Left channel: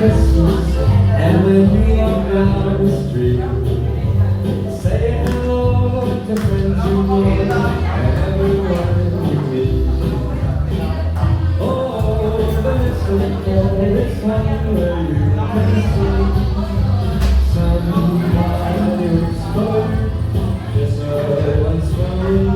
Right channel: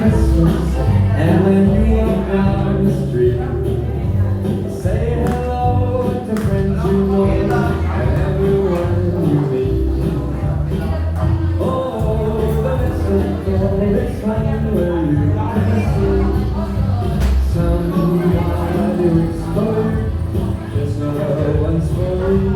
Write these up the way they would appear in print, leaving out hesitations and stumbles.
Christmas, and when we walk down the street, say hello to friends you know and everyone you meet. Oh, the mistletoe is fine where you can see somebody explode. There's no one story.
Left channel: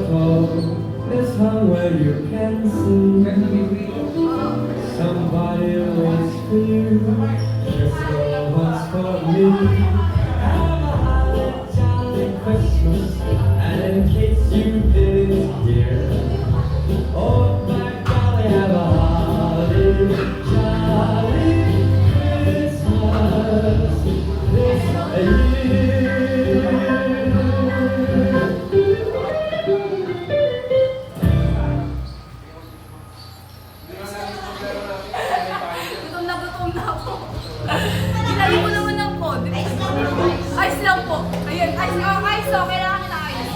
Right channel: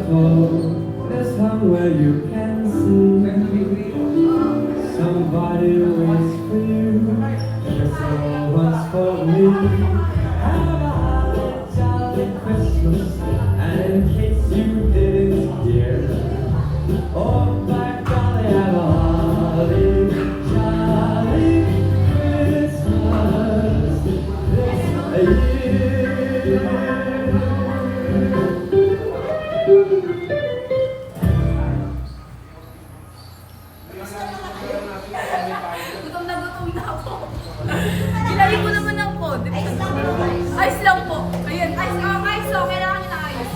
This time where you can see somebody waits for you. There's so much for me. Have a jolly Christmas, and in case you didn't hear, oh my golly, have a holly jolly Christmas this year. Gutom na ako. Ilali mo naman ang phone. Ayos lang po. Ayun, ayos. Oh, ayos. So, kailangan nyo na ayos.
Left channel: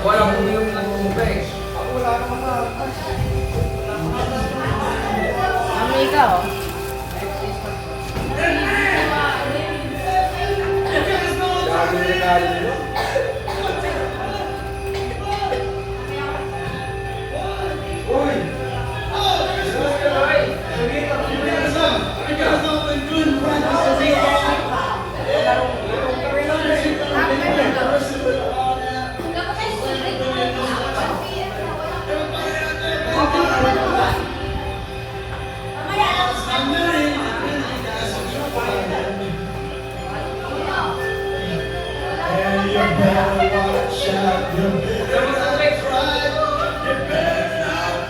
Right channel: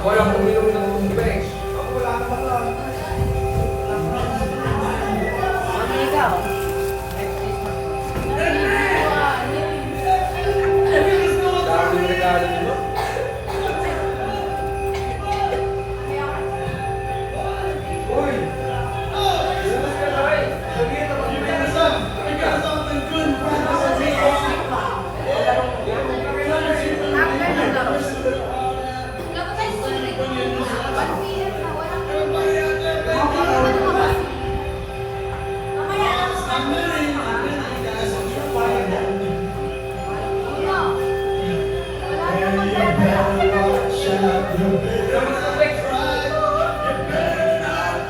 Walang uminom ng mungga eh. Ako wala na mga... Ang ikaw. Dami na regalo nyo. Uy!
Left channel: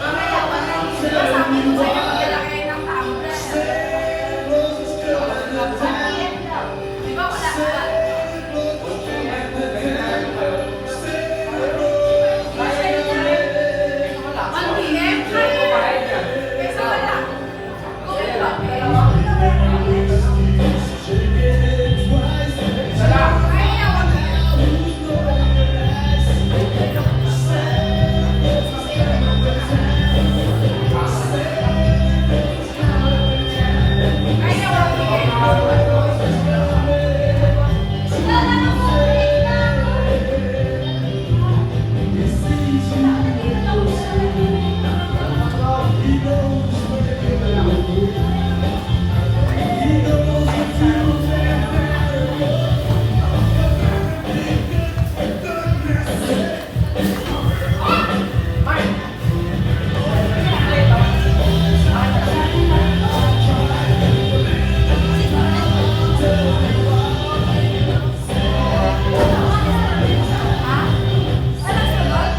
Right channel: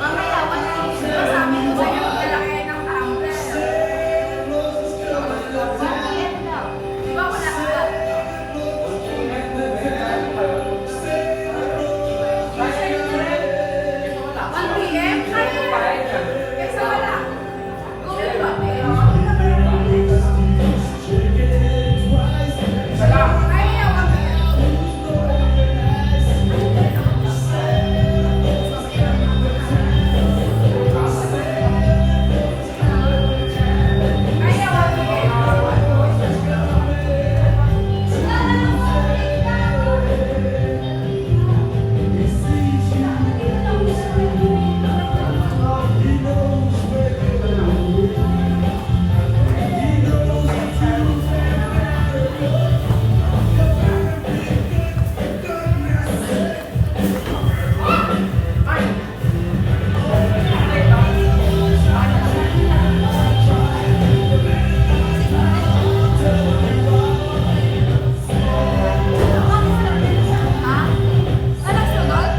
Mamaya, wala yung sila sa amin kung sa'yo maglalaki ng tumbler. Di ba wala ka? 1 PM? Kaysa wala. Go ba? Kaya, 1 PM. Kaya, 1 Ha? Walang sunod?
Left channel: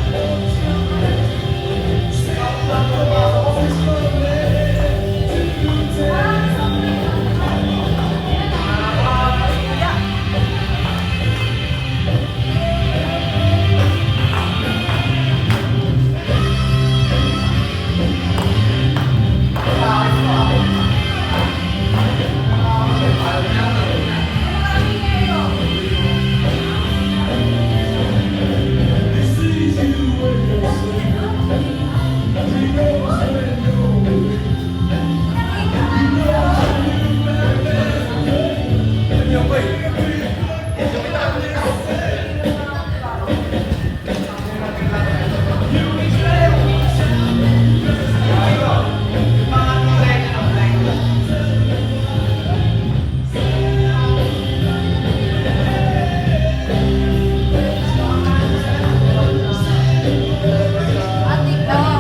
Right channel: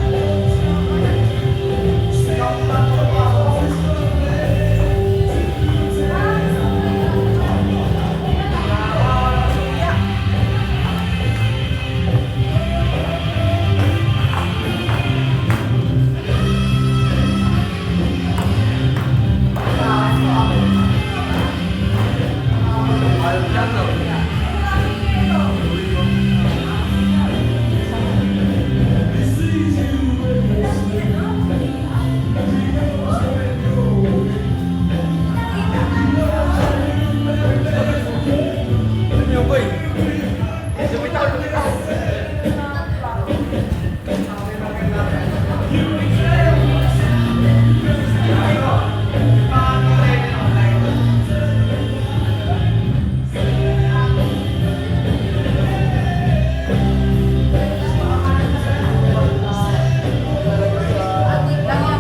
Adik daw.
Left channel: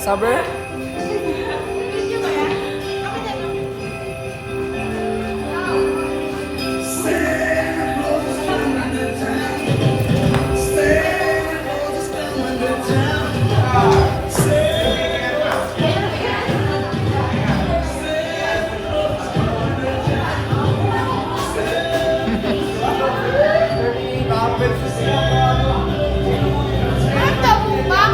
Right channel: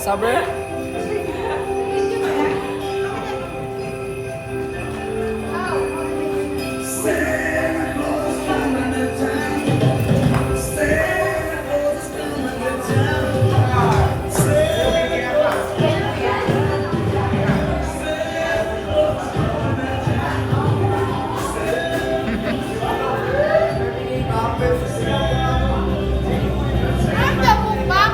Saber? Ano daw po ba?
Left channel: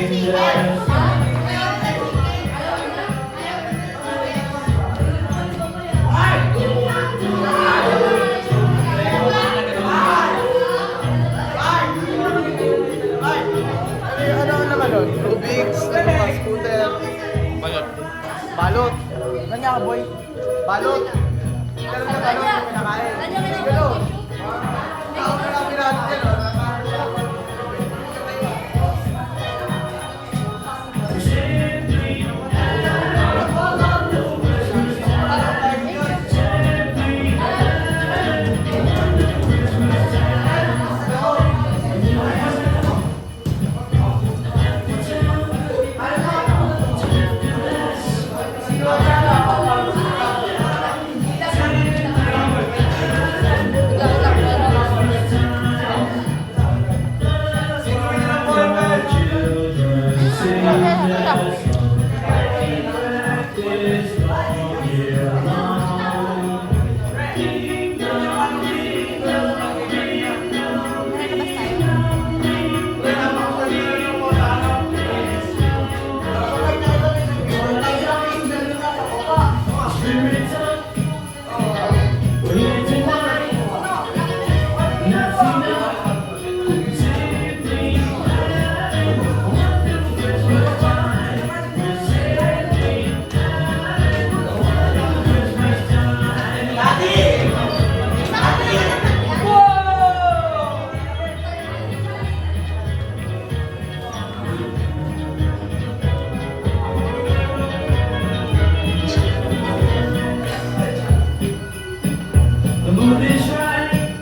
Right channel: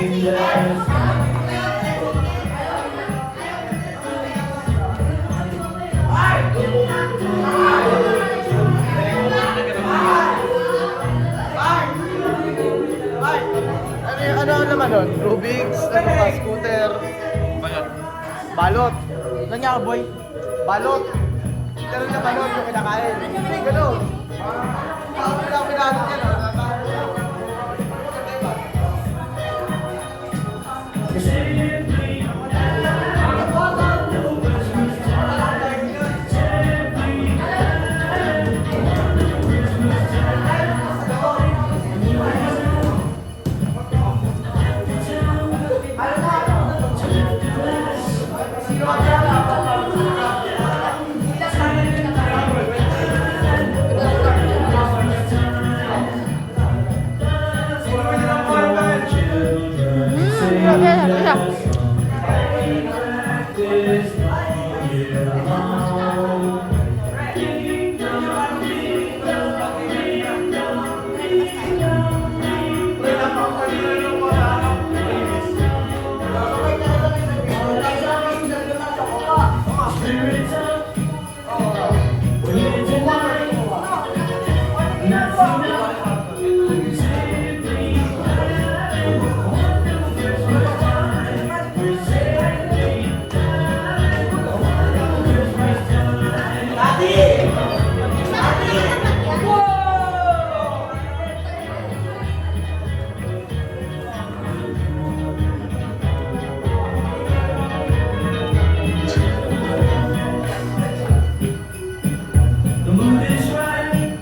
Rubik, scooter. Balot. Balot. Kanya ka, boy. Balot. Pero na balot yung pinakain. Ganun. Ako na pinakain din. The mood is right,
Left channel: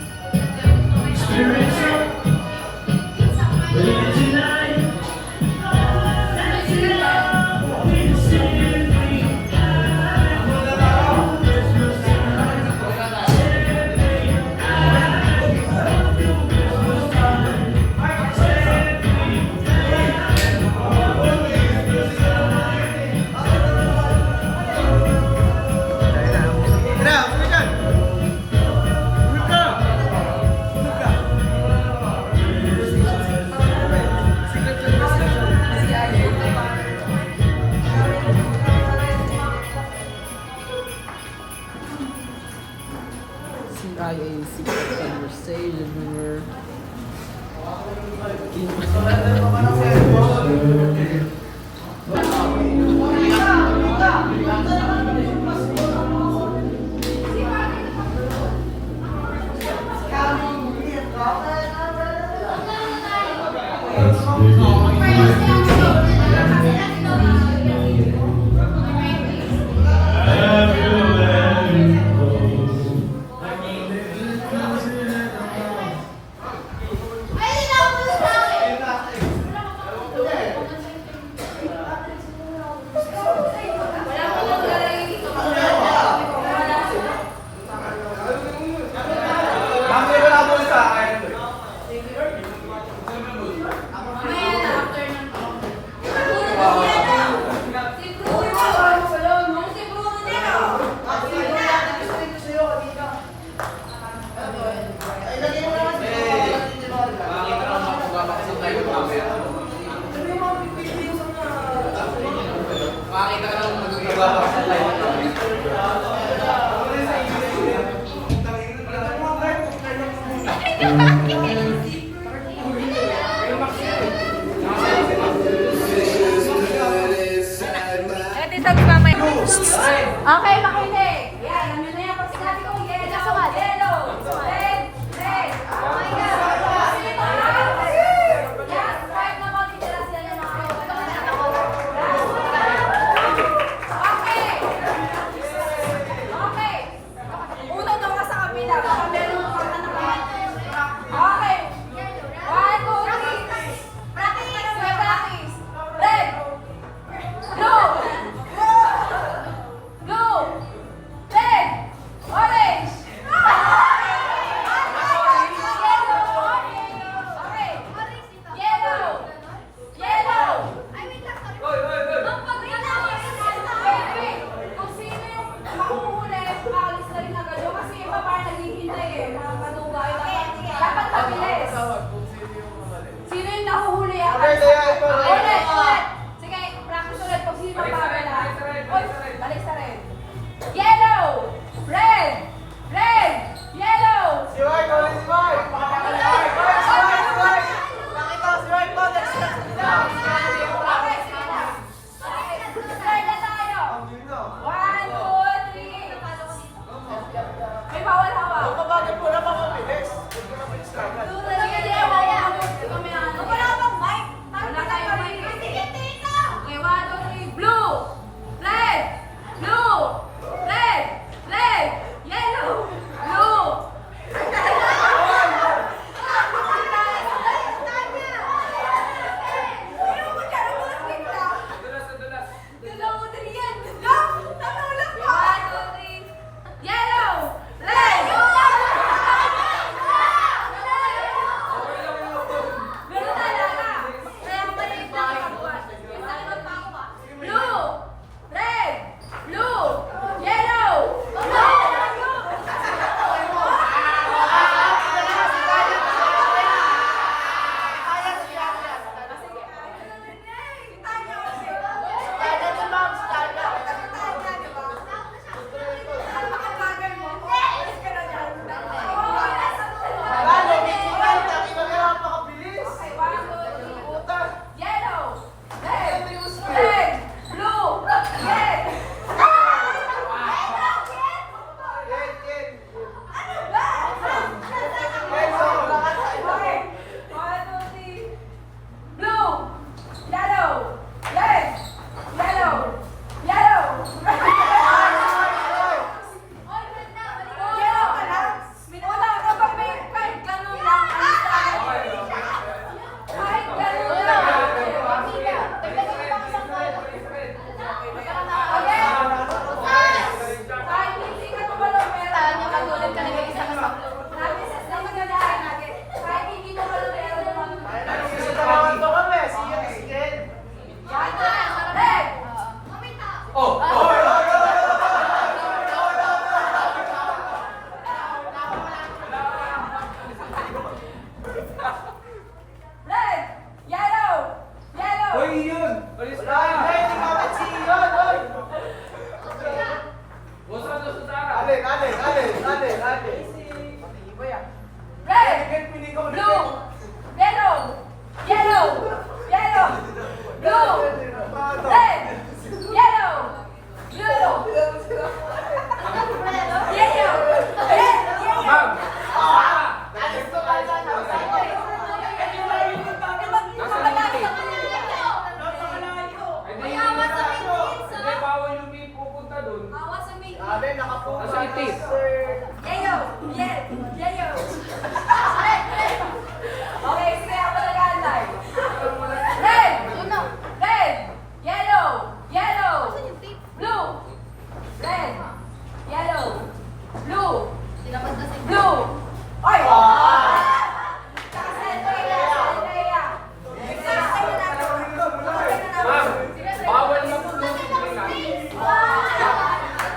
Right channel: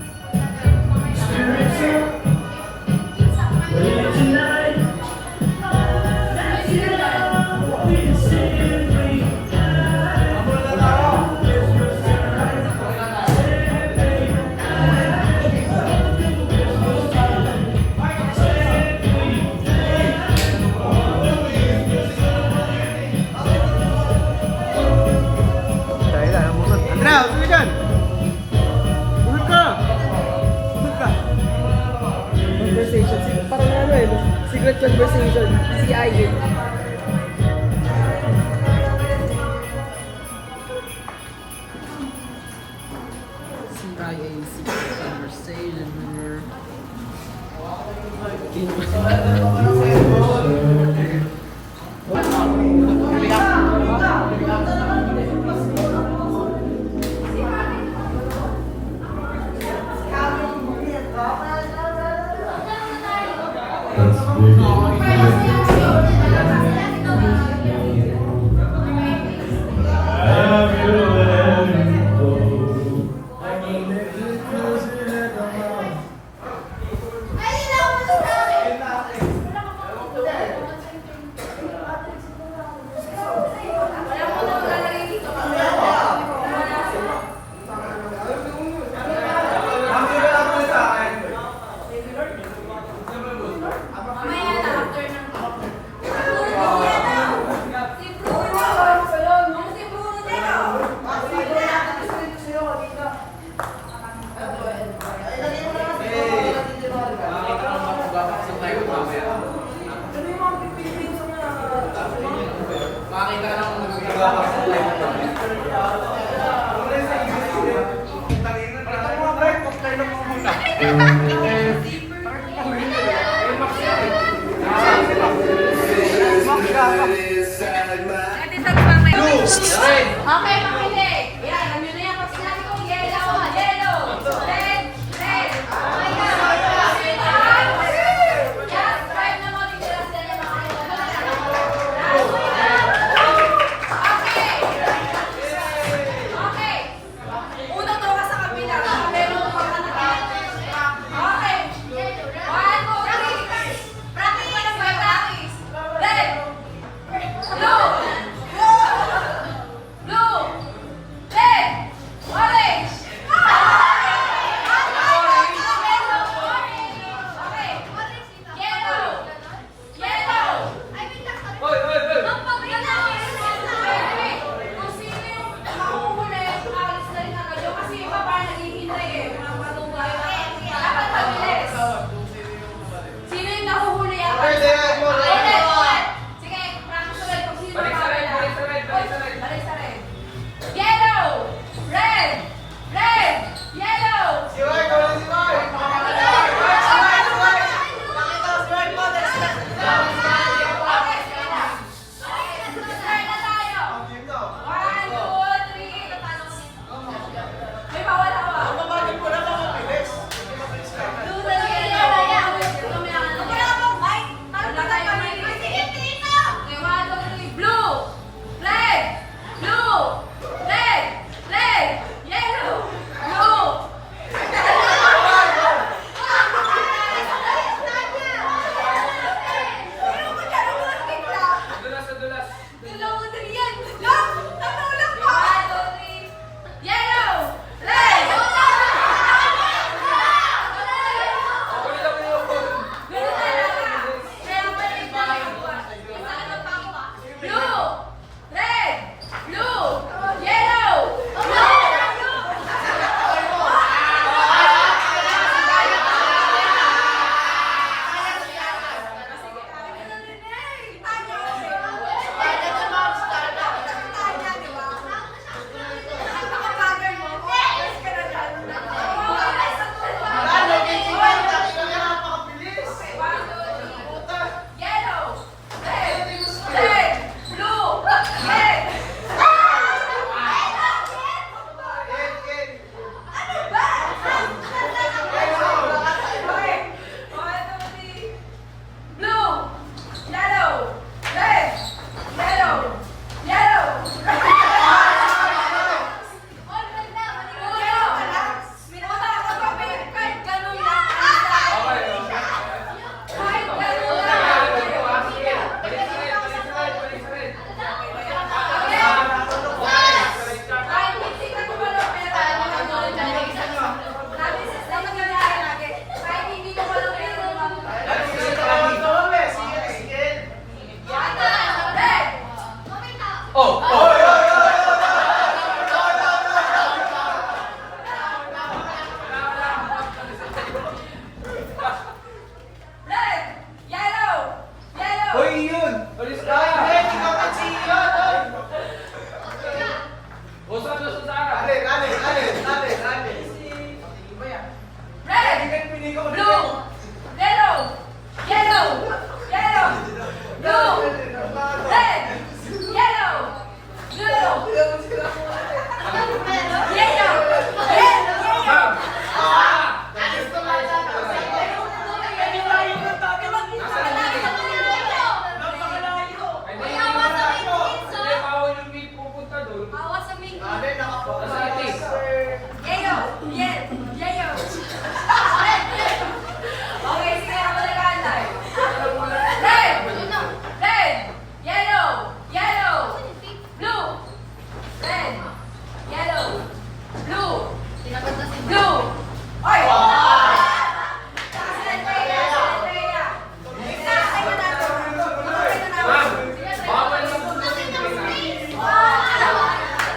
spirits up, we're here tonight. We can simply Tara, uwi dyan. Uwi ka. Uwi ka. Parang ano eh, secret conversation. Si Ayen. CIA secret conversation. Remember? That's really Okay, makinig. Yan, alam nyo na yan. Pag sinabi kong yellow, yellow. Red, red. Okay, yan. Yan, right na mo. Hindi sila sila yung mga okay. Okay. Uno daw ka sa kapila. Pero Hoy, yun! Alis ka! Ay, hindi ka magsili yun, oy! Uso na sa Sara! Ate. Red, blue, yellow, yellow, yellow, blue, red, yellow, blue, yellow, red, yellow. Hindi, bawal yung may pupunta doon. Awas sa may Ate, nakapokus. Nasa itis. yellow, yellow. Okay, sige ako nag-aantay. Red, red, yellow, yellow, blue, red, yellow, blue, blue. Oy! Ma'am, bawal yung pupunta.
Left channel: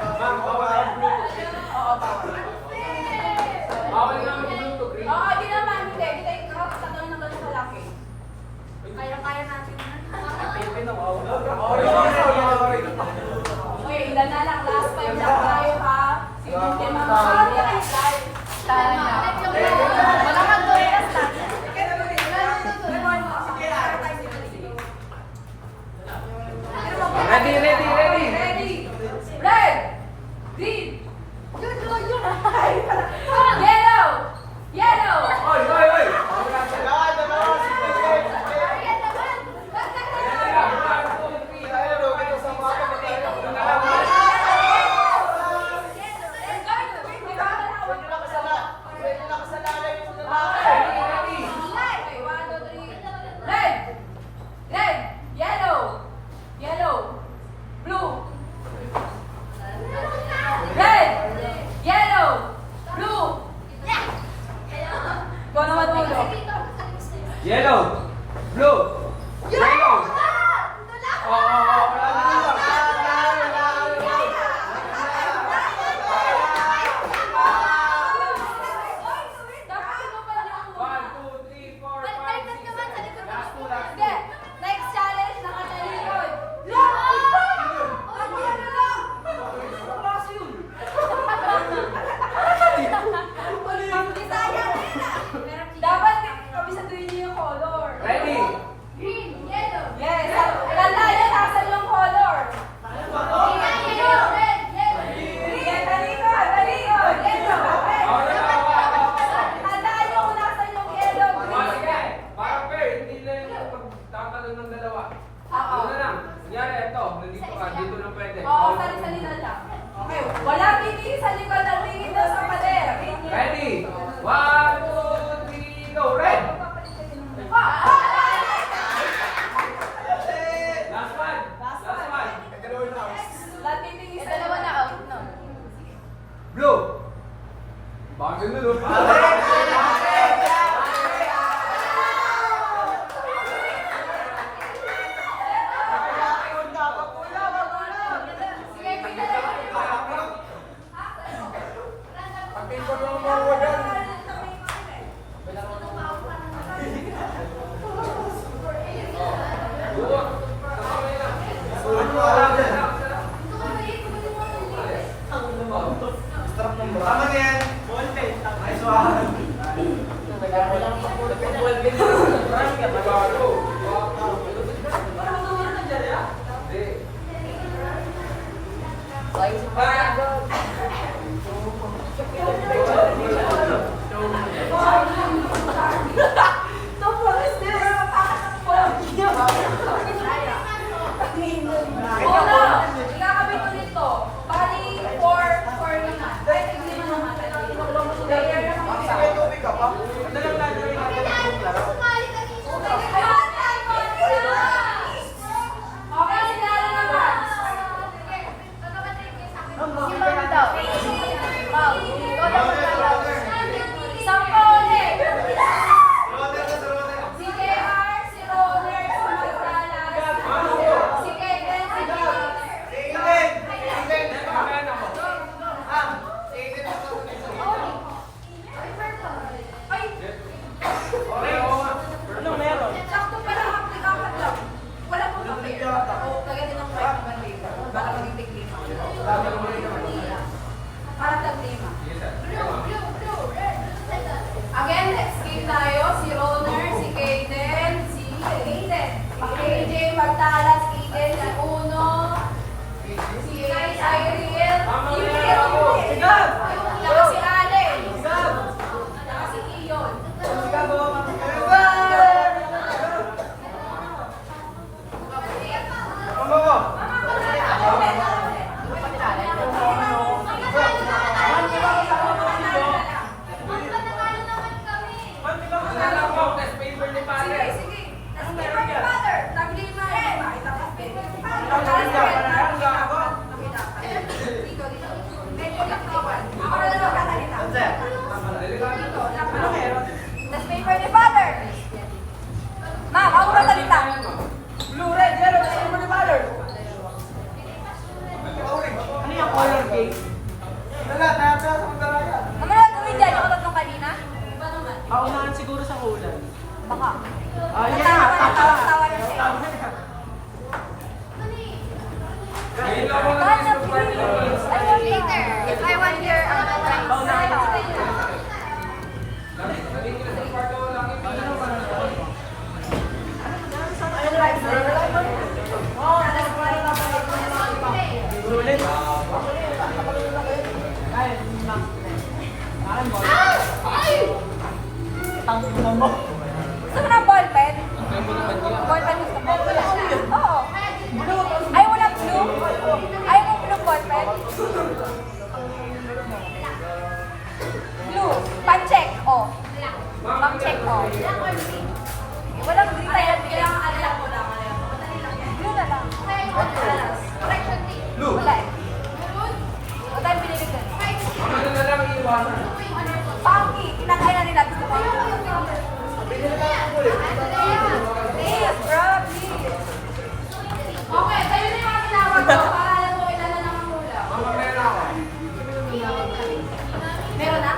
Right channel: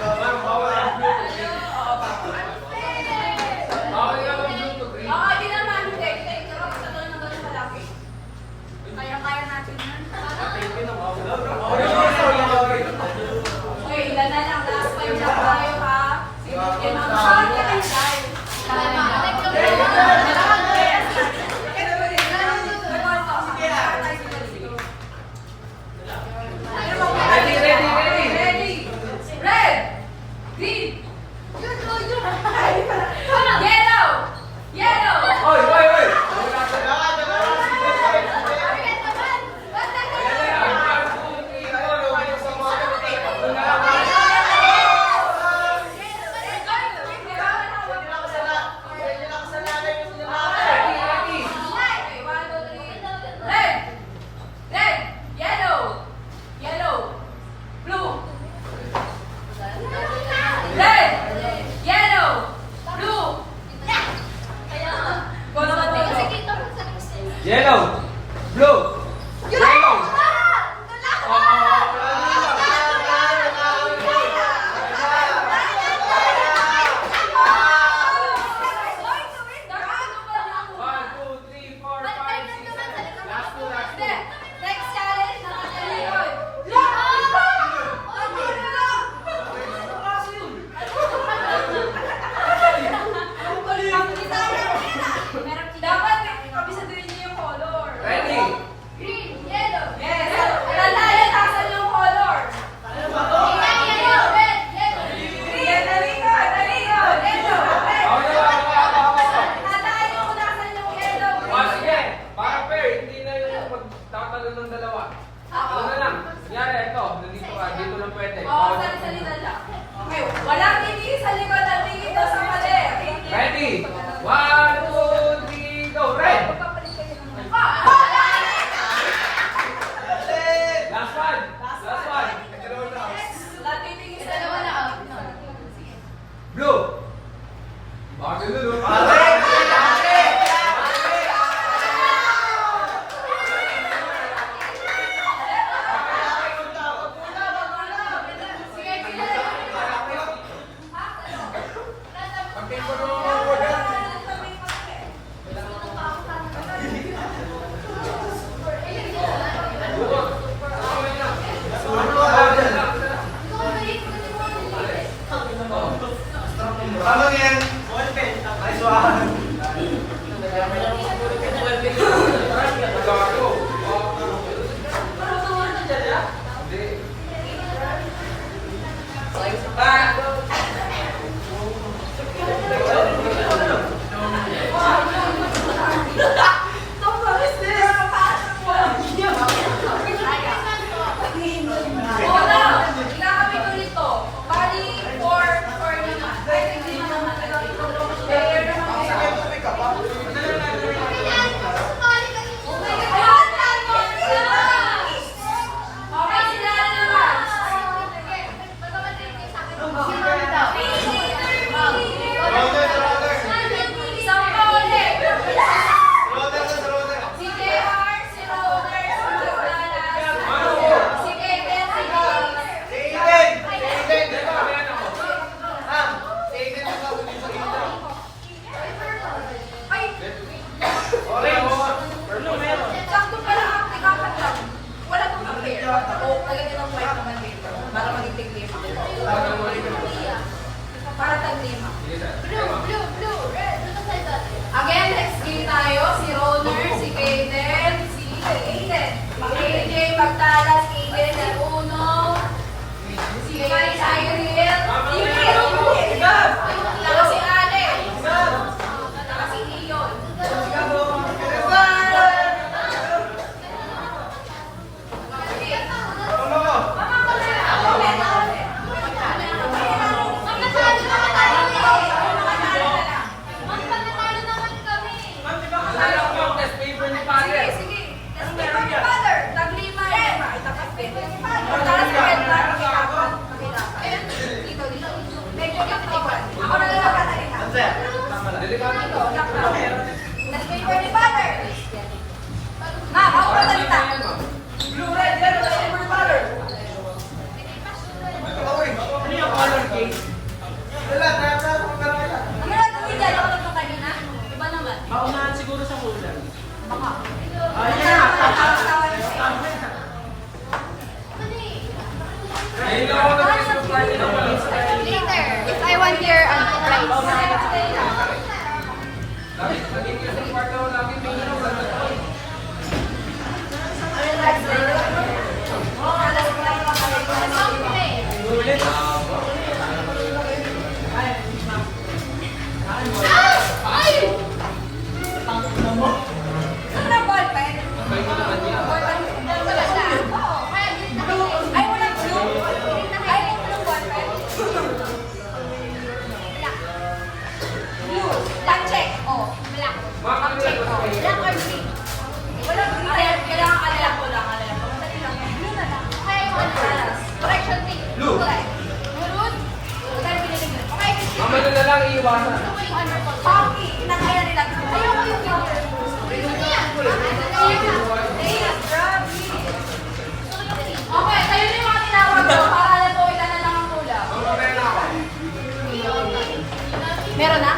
Ma'am, bawal ang Bluetooth. Bawal yung Bluetooth. Oo, di naman. Hindi. Ito, sa doon ng ganun malaki. Kaya natin yan. Okay, ilan na lang. Last time lang tayo ha. Sige, ma'am. Tama. Ready, ready, ready. Ready. Red. Green. Yellow. Yellow. Oy, oy, oy! Red, red, yellow, yellow, blue. Red, yellow, blue. Ikaw naman dito. Yellow! Blue! Yellow! One, two, three, four, five, six, seven. Last two, last two. Next challenge na yun. Dapat kabisaduhin niyo yung color. Ready? Green, yellow. Yes. Tandaan nasan yung color. Yellow, red, yellow. Green, talino, talino. Yellow, red. Tandaan nyo kung nasan yung yellow. Oh, sige. Para fair, hindi na yung magtatalo ng dalawa. Ano na lang? Kunyari, ito. Nandito ka. Dito lang pwede. Oo, Bawal na salita lang. Okay, walang titingin sa likod at tingin daw sa pader. Ready? One, two, three, go. Red! Last one. Last one. Lahat titingin sa dalawa na out. Blue! Bagal na, no? Sige, sige. Later, if I want here, Saka ballpen? Ballpen. Oo. Ay, wala blue? Ay, wala blue ballpen? Blue. Time check. Oh. Time check. Oh. Wala blue na yan. Kailangan alam ko lang. Madali lang yan. Blue na lang. Alas. Correction B. Blue. Blue? Ilan pinili nyo? Mamano na lang iiwasan. Paki. Kinakain na nila. Okay, kayo na yung mga tinawag ko para alam mo ilan na lang ang hula. Meron na?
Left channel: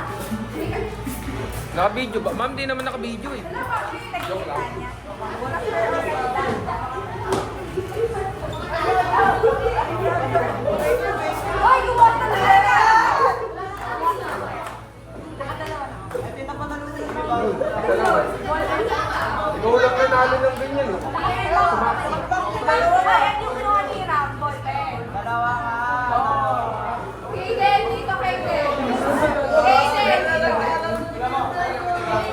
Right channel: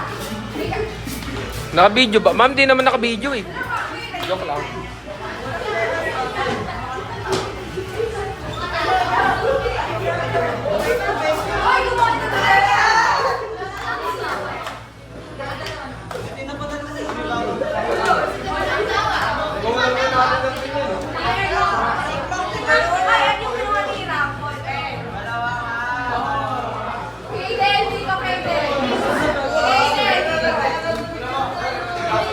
Naka-video ba? Ma'am, di naman naka-video eh. Joke lang. Ay, yung mga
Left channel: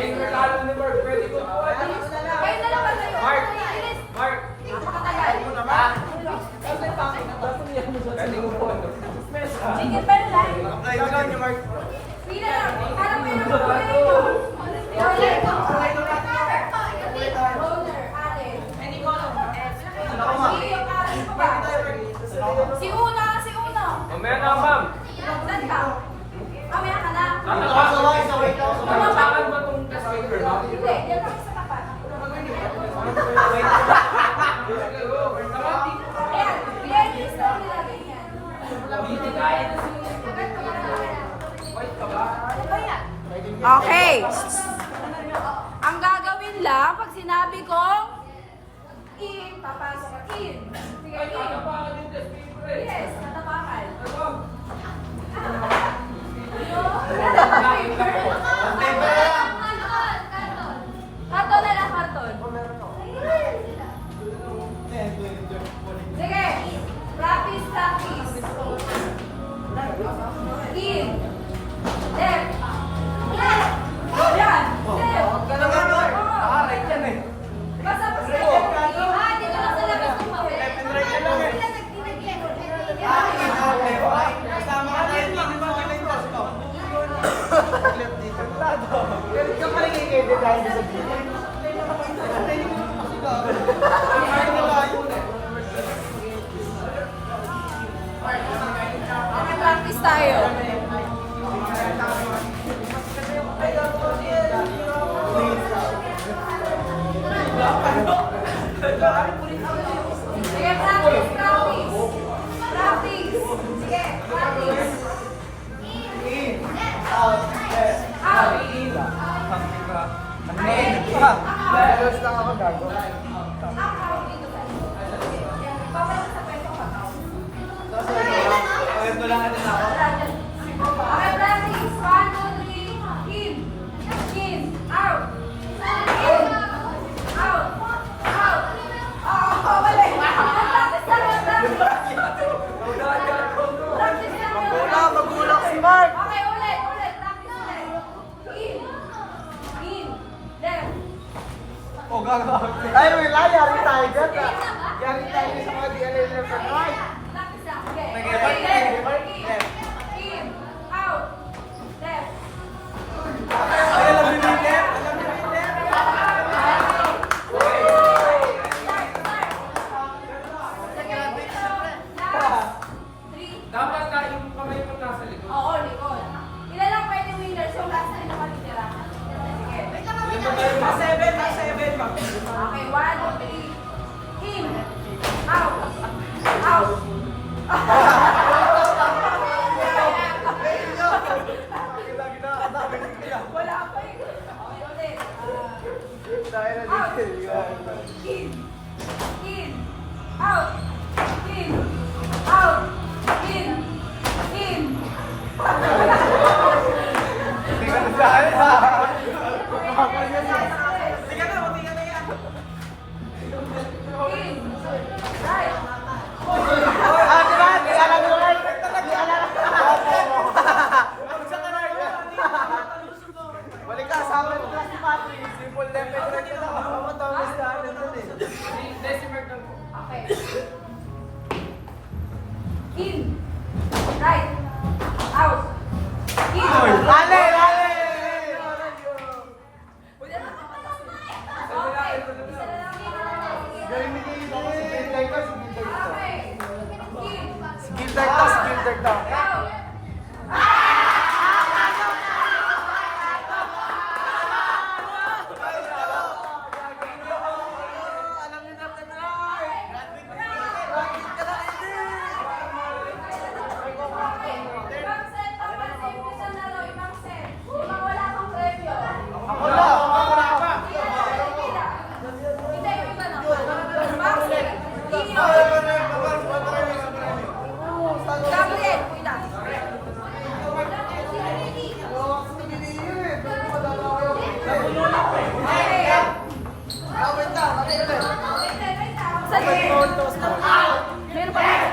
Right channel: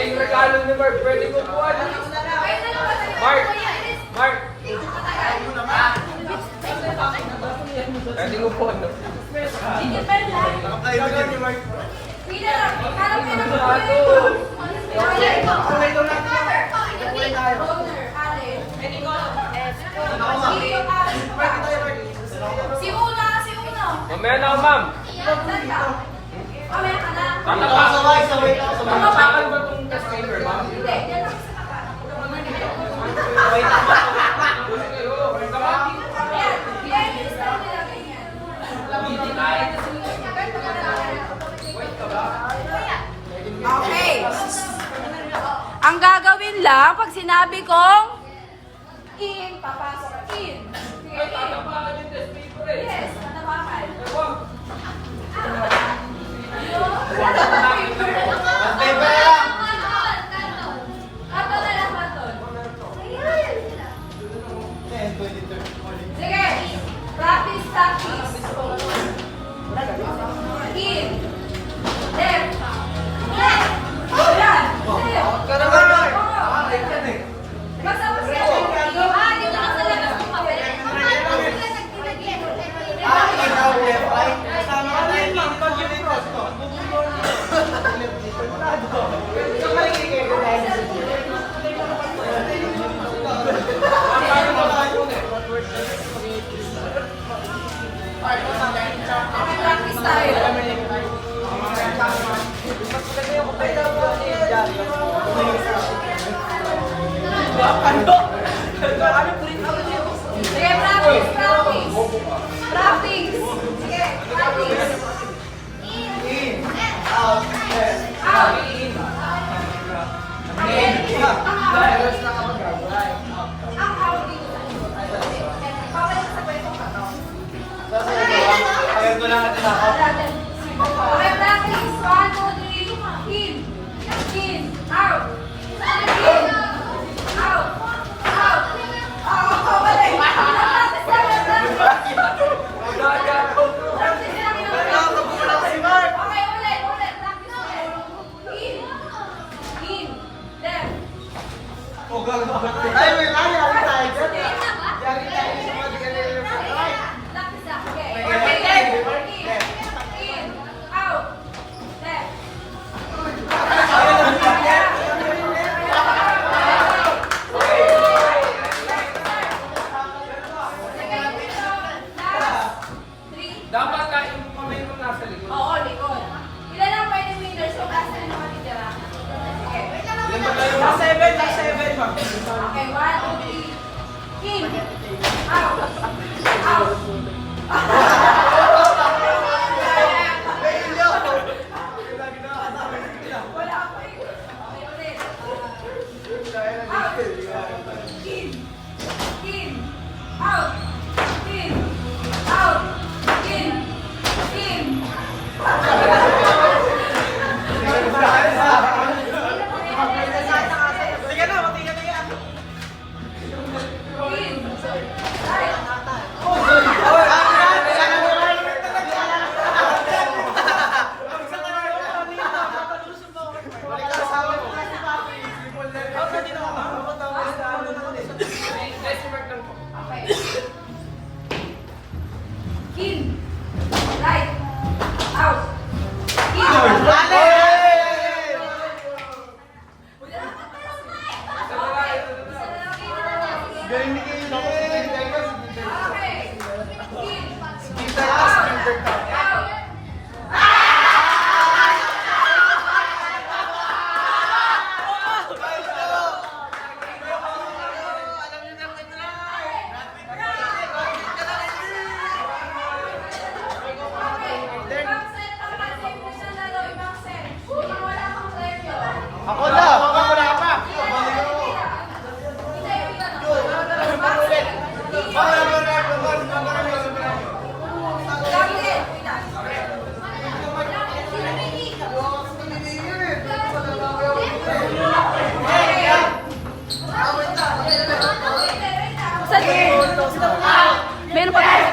Yung regalo ni Mark, pwede ko po. Mark! Mark! Pwede ko po. Si Una, si Una. Mamaya na, ma'am. Saan ka? Mamaya ka na. Takal ba itong test paper, ma'am? Hindi, yan lang sa baba. Ayan, i-edit na nilagay niya. Okay. Ang gagawin lang, pag sinabi kong in, papasok ka in. Yes, natapakal. Karton na lang, karton. Sige, practice, practice. In, left, left, yan, left. Basta mo siya. Dito ka sa labas ng papel. Okay, practice tayo. Sige, practice, practice. Practice. Sige, practice. Out. Out. Ang out dito sa likod. Babalik sa kwentong pag-out. Okay, practice. 1, 2, 3. In. In. Out. In. Out. Out. Balik. Practice lang yun. Practice lang yun. Okay, ulit. Ulit. Practice ulit. In. In. Left. Ay, may lagi tayo dyan. Practice lang. Okay. In. In. Out. Left. Dapat ka yung kamay mo nasa likod. Oo, likod. Ilan ang pwede meters? So, last na nakatitira. Okay. Mas 7 ba? Okay, 1, 2, 3. In. Out. Out. Wala pa eh. Okay, ulit. Out. In. In. Out. In. Out. In. Meron pa tayo.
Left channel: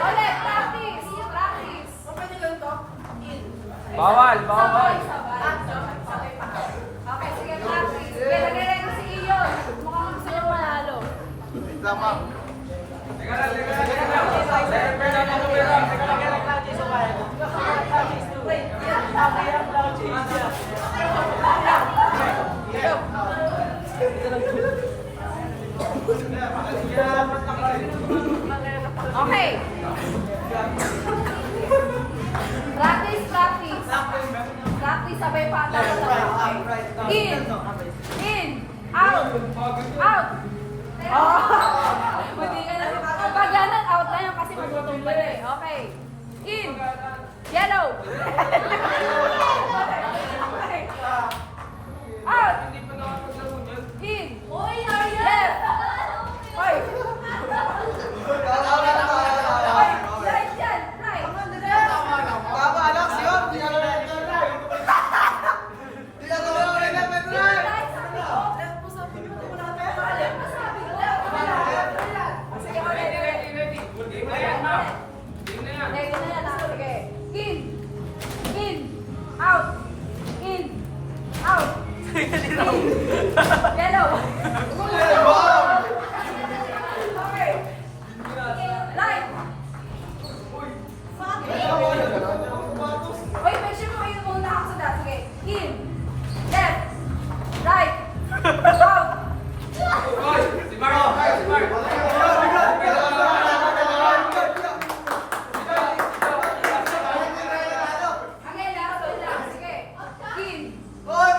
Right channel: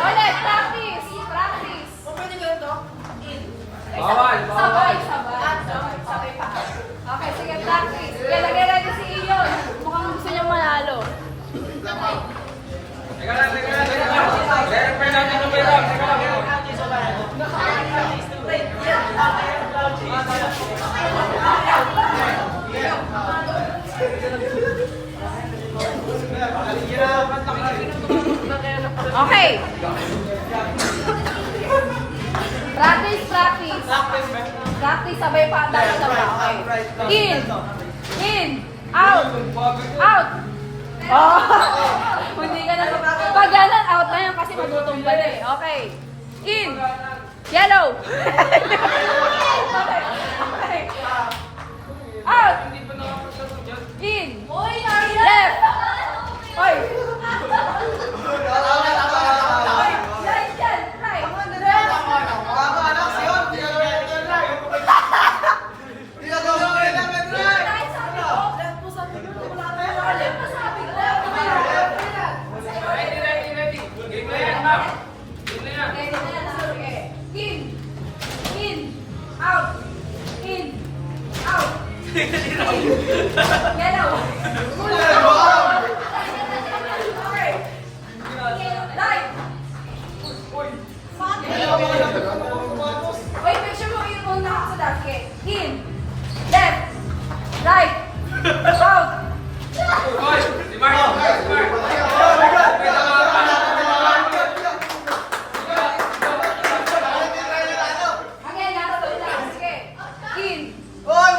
Ulit, practice. Practice. Bawal, bawal. Sabay. Okay, sige, practice. Kaya nag-ready si Iyon. Mukhang gusto niyang manalo. Teka lang. Meron natin tumira. Okay. Practice. Practice, sabay pa. In. Out. Hindi ka na. Pag ganan, out na yan kasi magutong ka na eh. Okay. In. Yellow. Out. In. Left. Right yan. Right. Oy, make sure mo yung una ako sa dati. Sige. In. Left. Right. Out. Again, nasa to lang. Sige. In. Bawal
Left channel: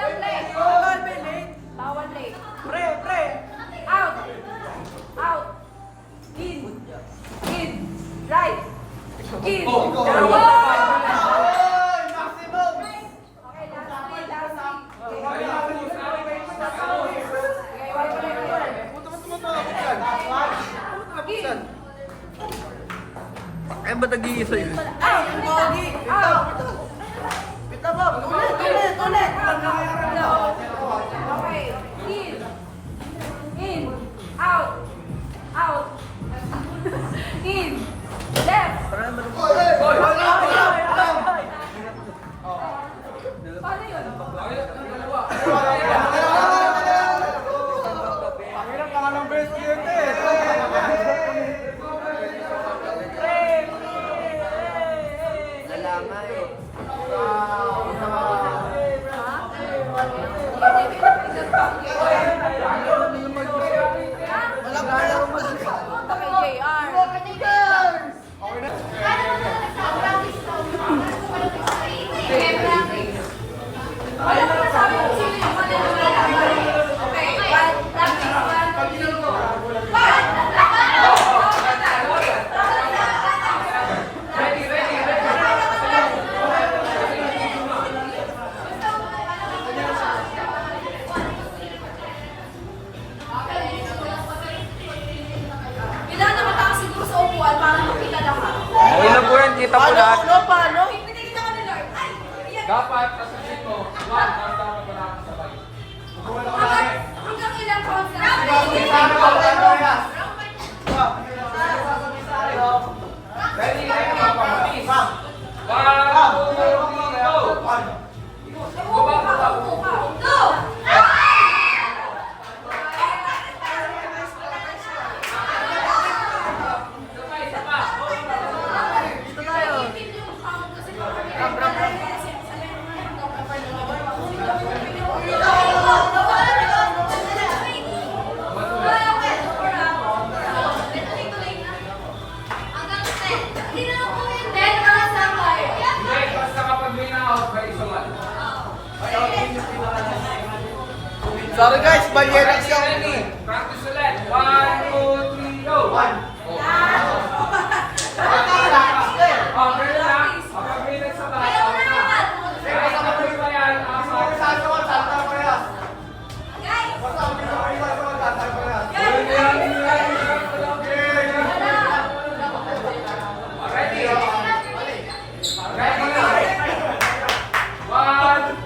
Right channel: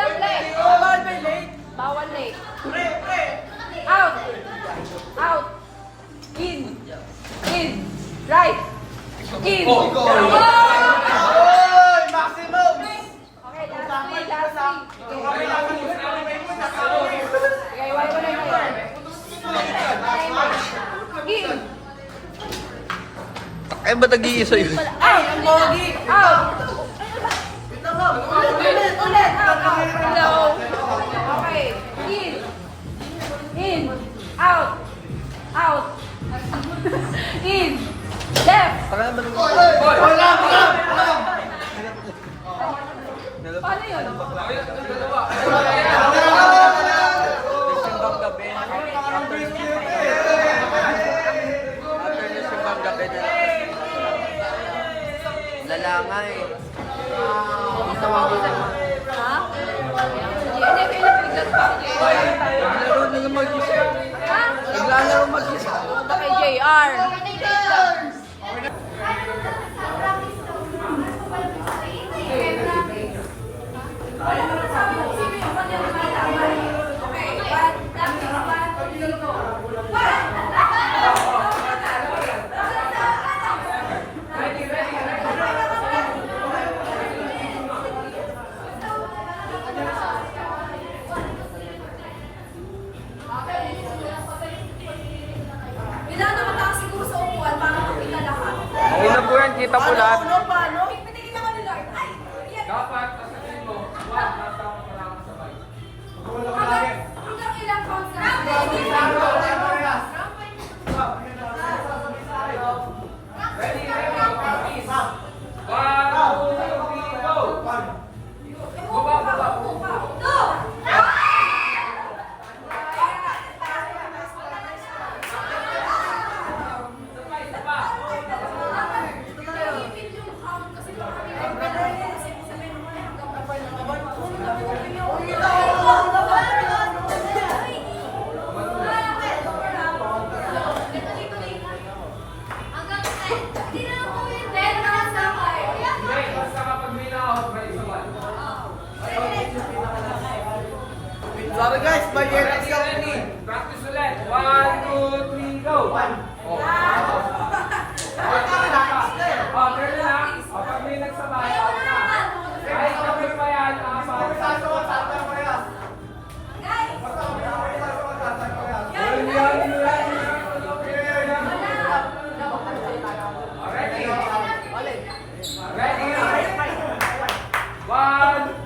ang late. Bawal late. Out. In. Right. In. Okay, last week. In. Eh, ba't nag-iisa yun? Ay, ang pogi. Out. Ulit. Okay. In. Out. In. Left. Paano yun? Okay na po yan, kita po lahat. Dapat, kasabihin mo, one, tama pa lang sabay. Hanggang ilang counts na? Ready, please. 1, 2, 3, go! Go! Hindi, basta kapag may na-out, may isuman. Sorry guys, Ready. Practice ulit. 1, 2, 3, go! Oh, ganun na. Kapag may nagsabay, out na. Kahit kapag pa yan, apat. Ready? Ready? 1,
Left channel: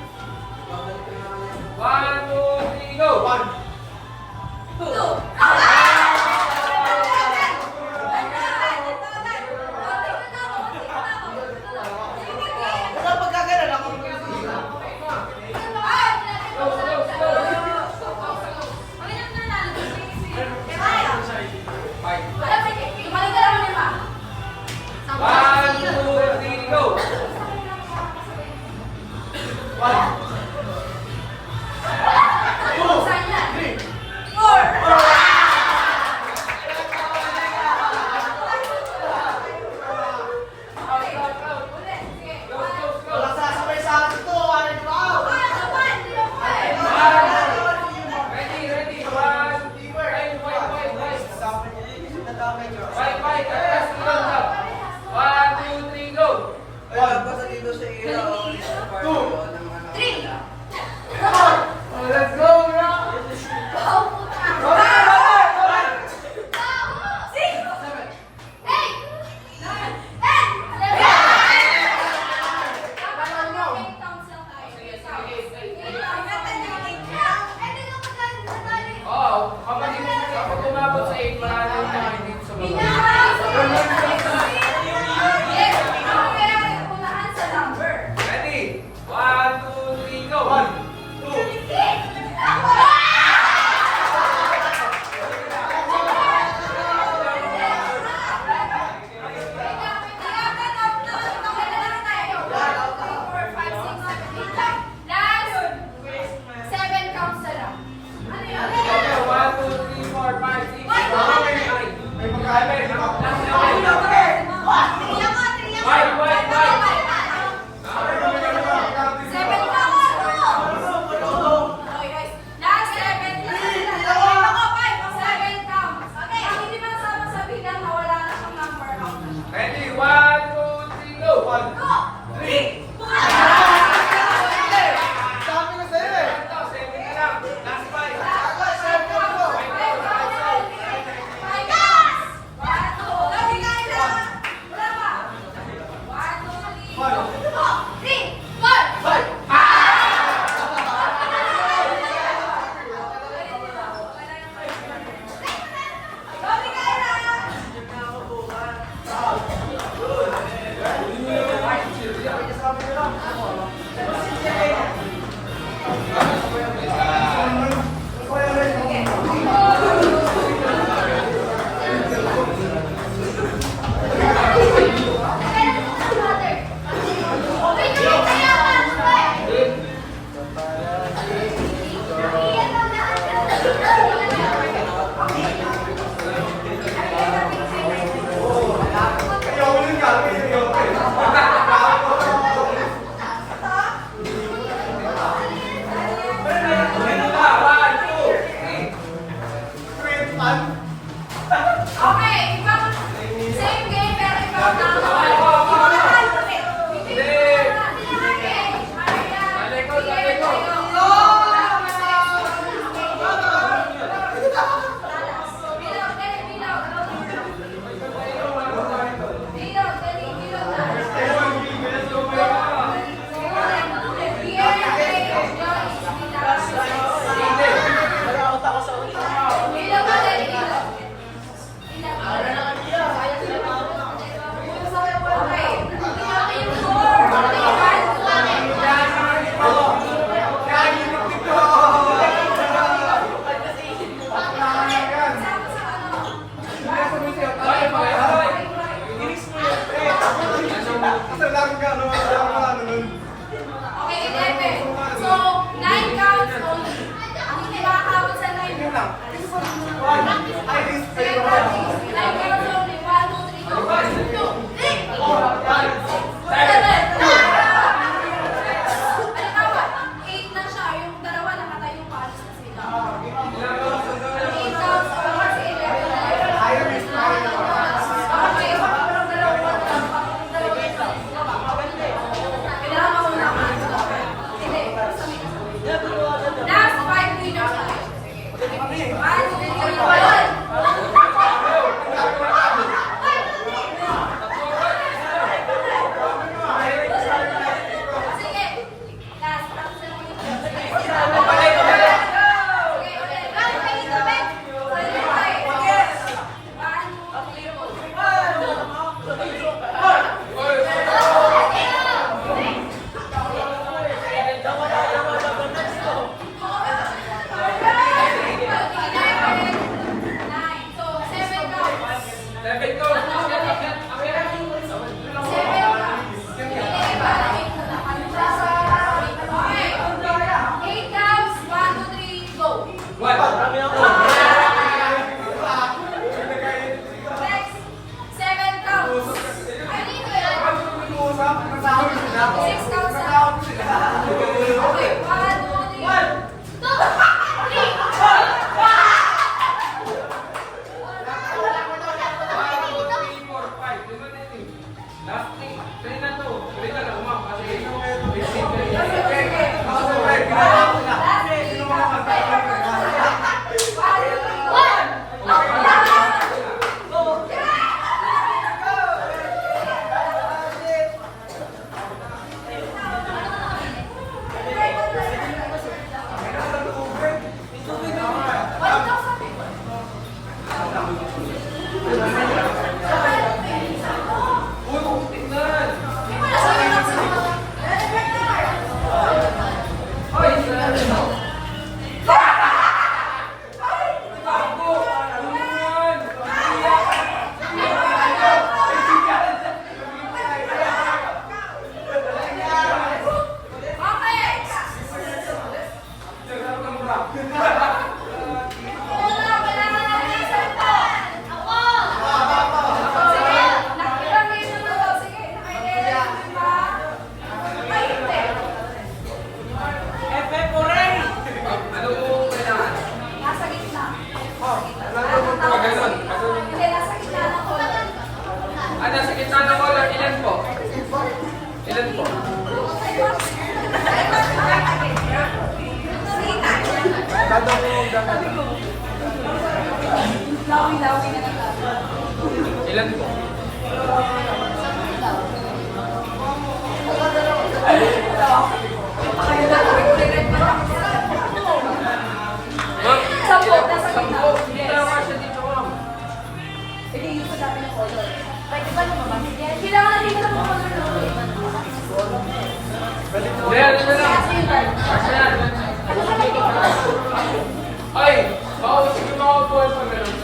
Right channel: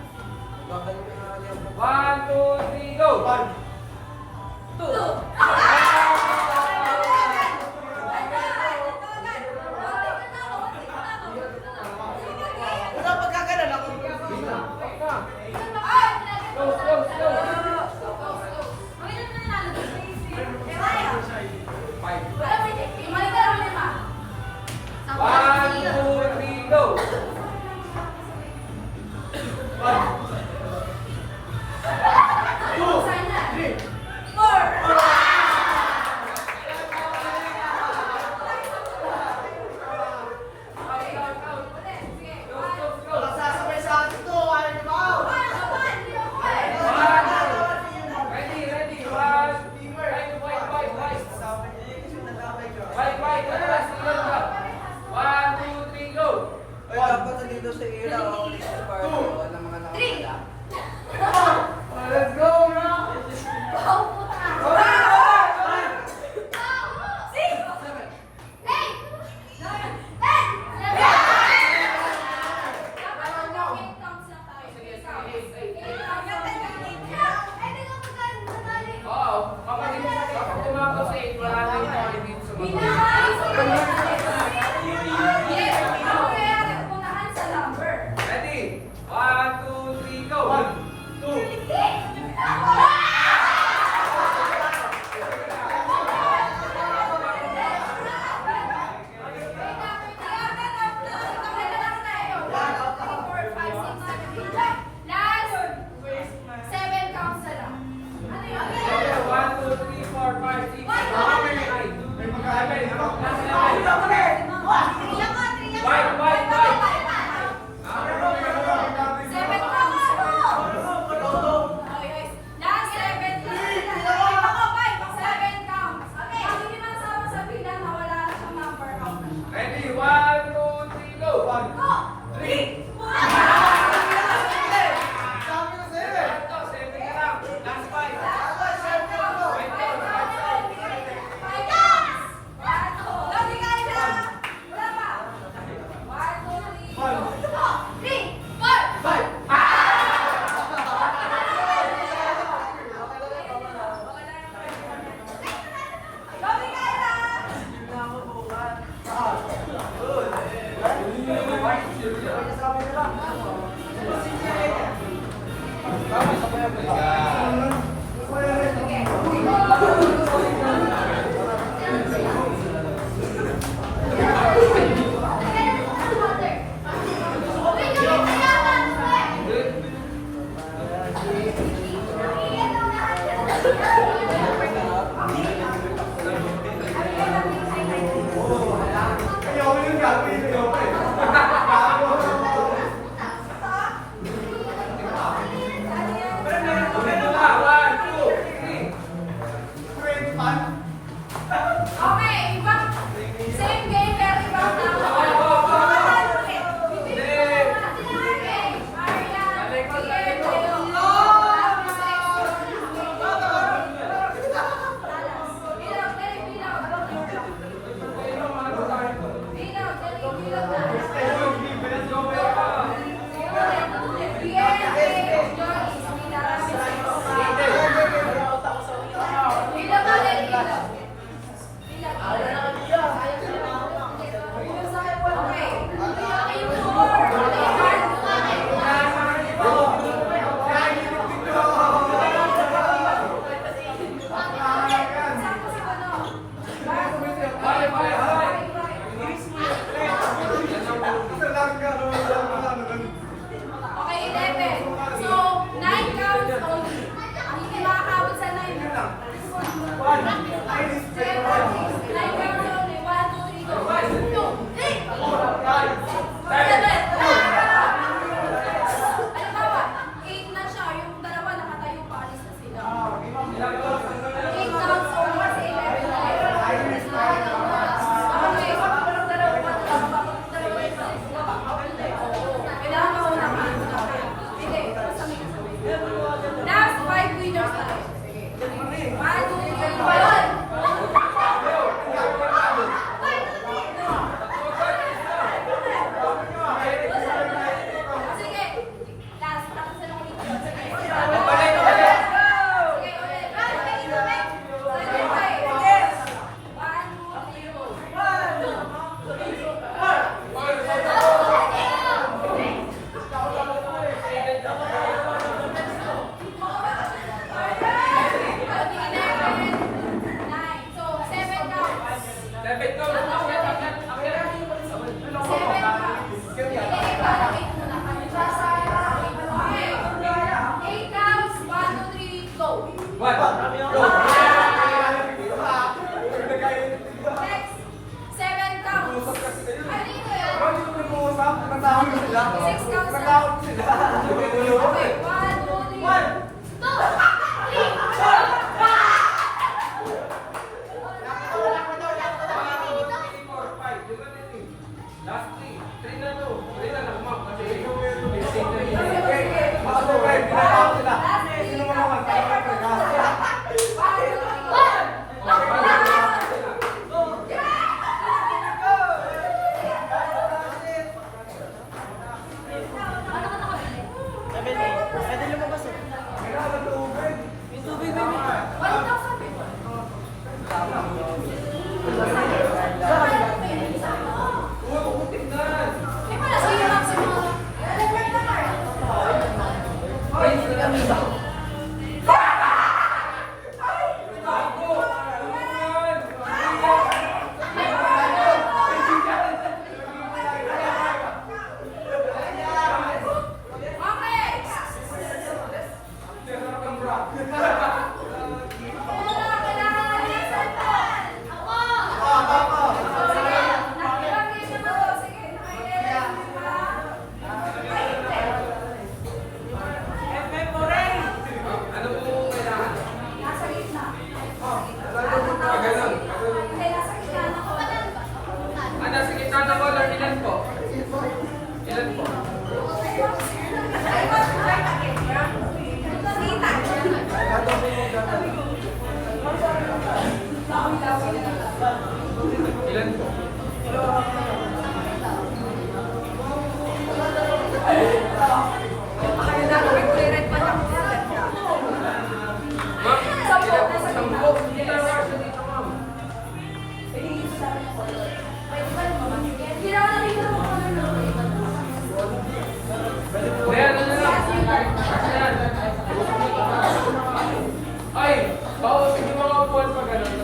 Ay, bawal sige mga ball pag gano'n.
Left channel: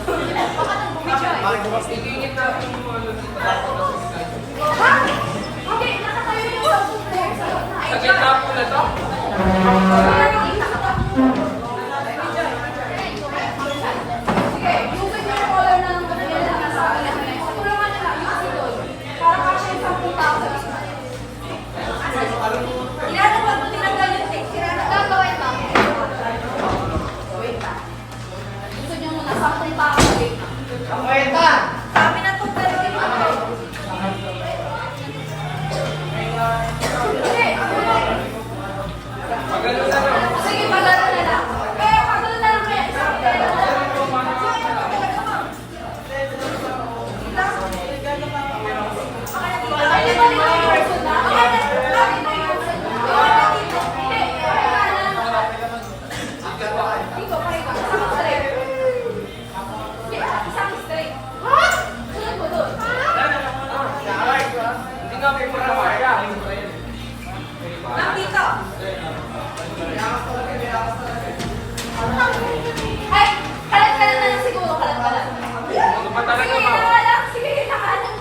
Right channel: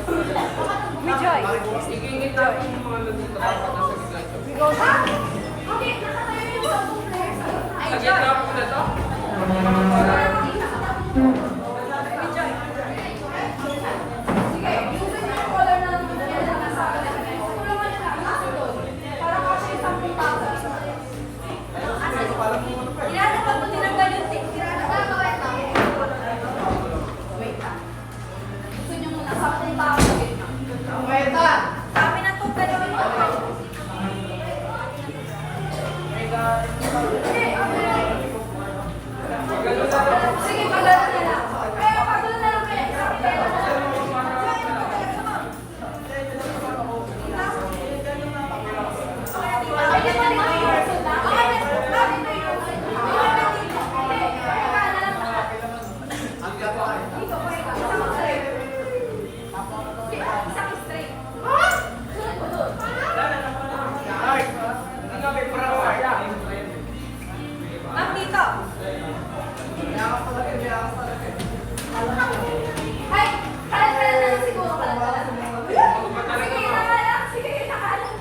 Igingit natin yung mga lulito dapat nasa gitna. Sa gitna po na to? Sige, pagano na lang. Kaya pagano na lang kaya. Ay, kalat-kalat na lang siguro, kalat-kalat. Sige, lang. Sige, nakalang.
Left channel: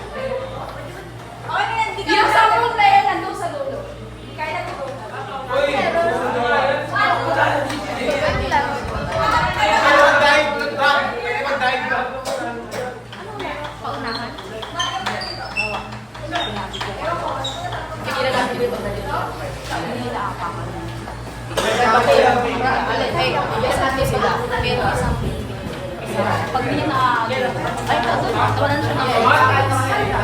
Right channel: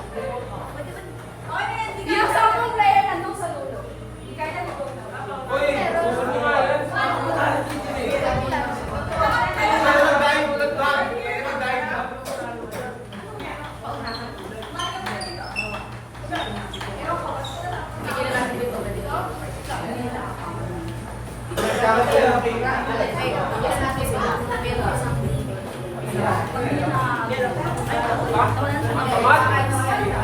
Yung 10 player nandun sa dulo. Kaya na ito. Pag hindi na ay wala na siya na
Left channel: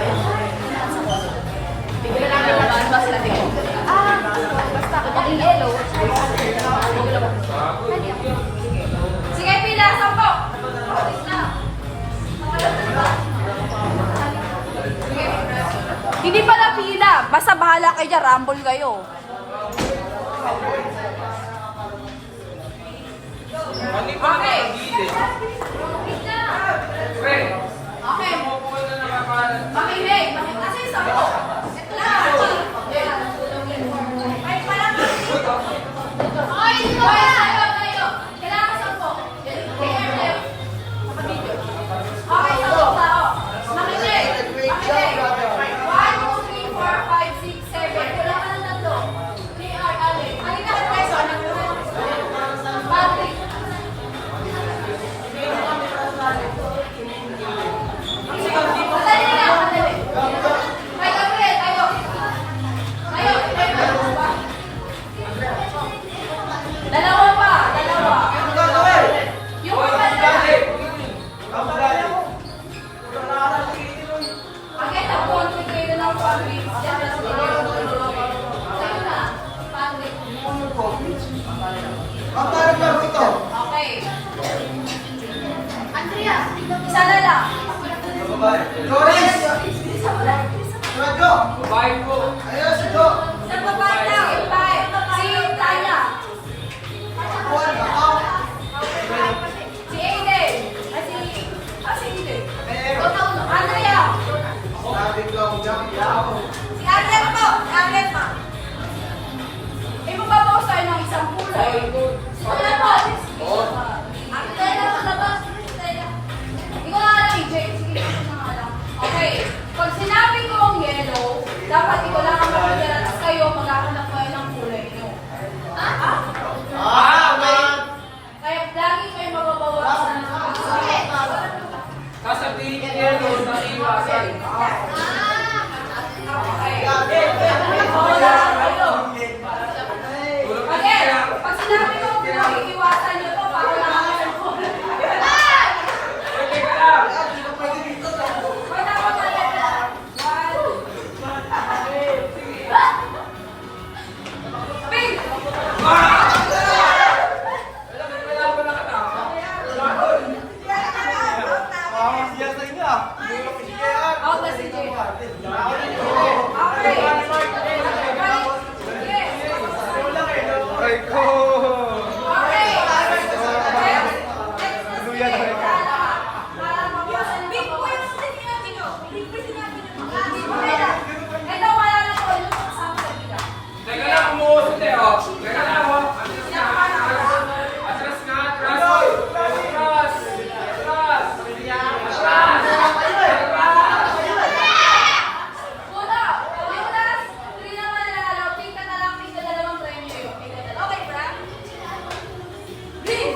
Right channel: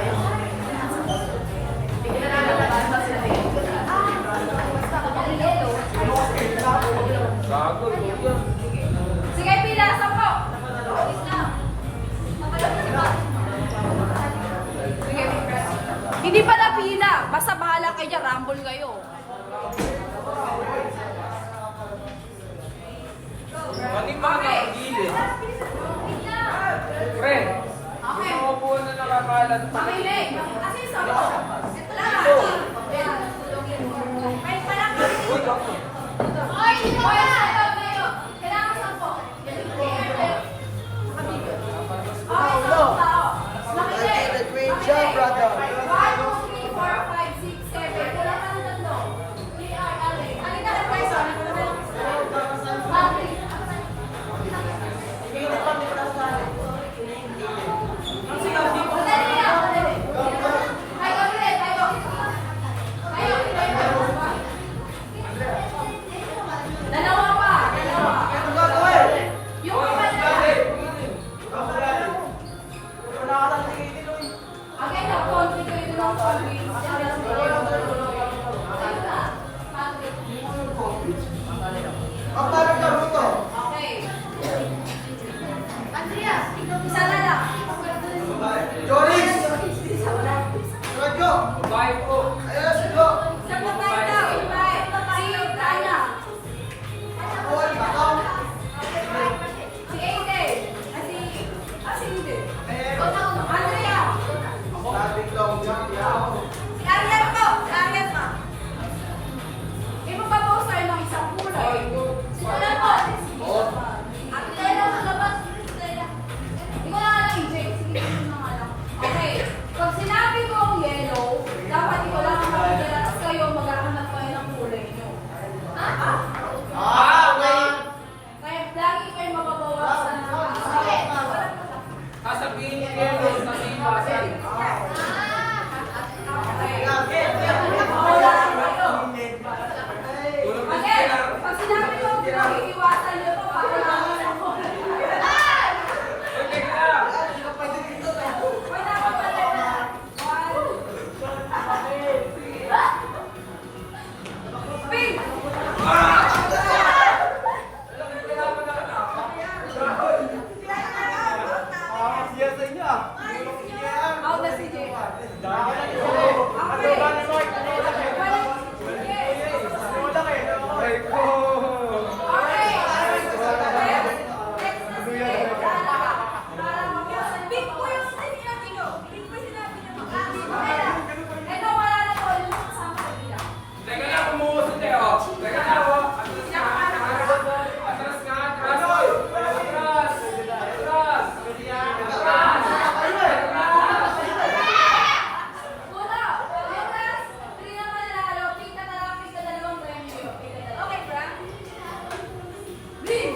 sige, pila, 10. Hindi pala pila. Basta bahala kayo dyan. Rumble kayo. Okay. Pre, Okay. umupo na nakakalat. Makinig. Kasi sabi ko, ito lang. Ay, parang okay, kayo. Kailangan sa po. Okay, sa po tao. Makinig. Great job, brother. 1, 2, 3, 4, 5, 6, 7. Kulang ka na tatlo. 3 are ali. Halika ka peso. Patrick. Madali na, madali. Kayo, Fred, kayo. Kayo. Dalawa pa, dalawa. Yung Pakita ko, kayo ng Patrick. Kayo na, Patrick. Ang parang laro ito. Okay. Andrea, isa na lang. Doris! Isa mo lang. Radyo! Bye po. Ayun, si Jo! Sa babae na, babae. Si Tanya. Juan, ikaw! Si Aiden. Si Aiden. Andrea. Sabi ko, yaw. Si Arlet po. Si Arlet pa. Ibababaw tayo ng isang kulay. Wala po. Arlet na labas. Ikaw na lang, EJ. Sige, ikaw na lang. Okay. Pag sinabi ko ang yellow, dapat ikaw lang ang magdala. Tapos kayo, maghahanap kayo ng kulay nyo. Okay. Kaya lagi kayo mababawasan ng okay. Sasabihin niya yellow sa iwasan. Tulog na Again, siya. pag sinabi ko, iiwasan nyo to, parang nakakaya mo. Okay ka lang. Wala ko talaga. Pink! Siya sa inyo. Out na si Jay. Okay. Yes. Ay ko. Okay. Pink po yung sinabi nyo. Pink po sinabi nyo. Ito, wala na po. Yung kasama sa bila. Teka lang, umuusot eh, oh. Teka lang, oh. Atras nga, atras. Atras. Atras. Una, yung last, 3 na manalo, pink ka na lang, pink ka dalawang premyo yun. Okay, Bra? Green!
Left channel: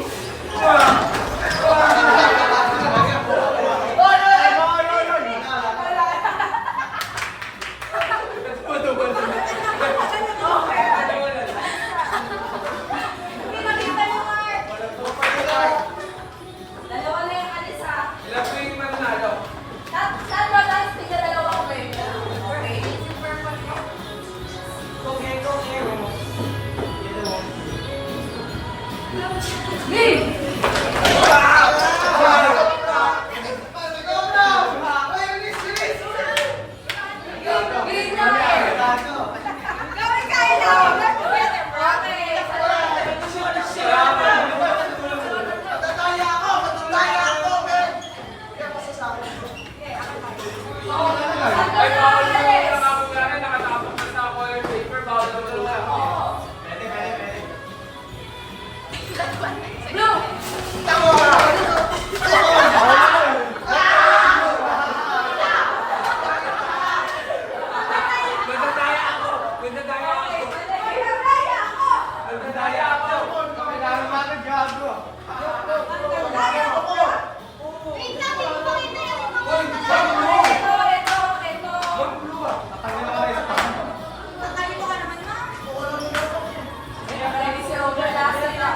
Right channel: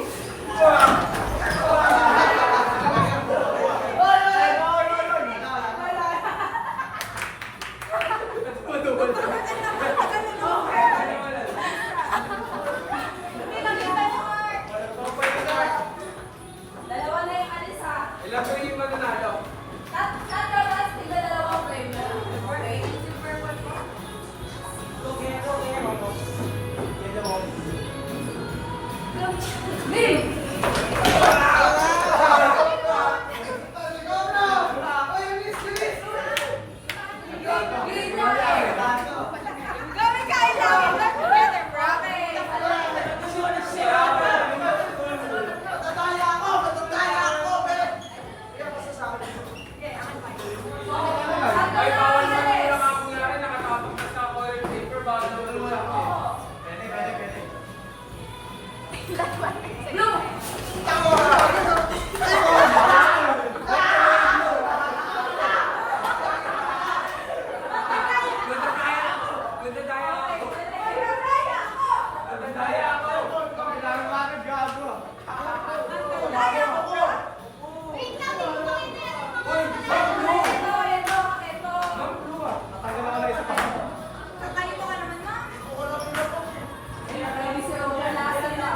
Pinakita mo, Mark! Dalawa na yung alis, ha? Ilan po yung mananalo? Last, tigil dalawang premyo lang. Okay? Green! Green na, Gawin kayo lang. Work together, bro. Okay. Matataya ako! Matataya ako! Ay, bawal mo yung nakakularan, nakatapos na sa coil paper, bawal na wala ako. Blue! Nagdadaya ako. Nagdadaya ako. Nagdadaya ako! Nagdadaya ako. Kailangan natin gago. Nagdadaya ako! Uy, saan mo? Ito. Tatanggal ako na isa pa. Tatalino ka naman, ma. Kaya si Obra last na.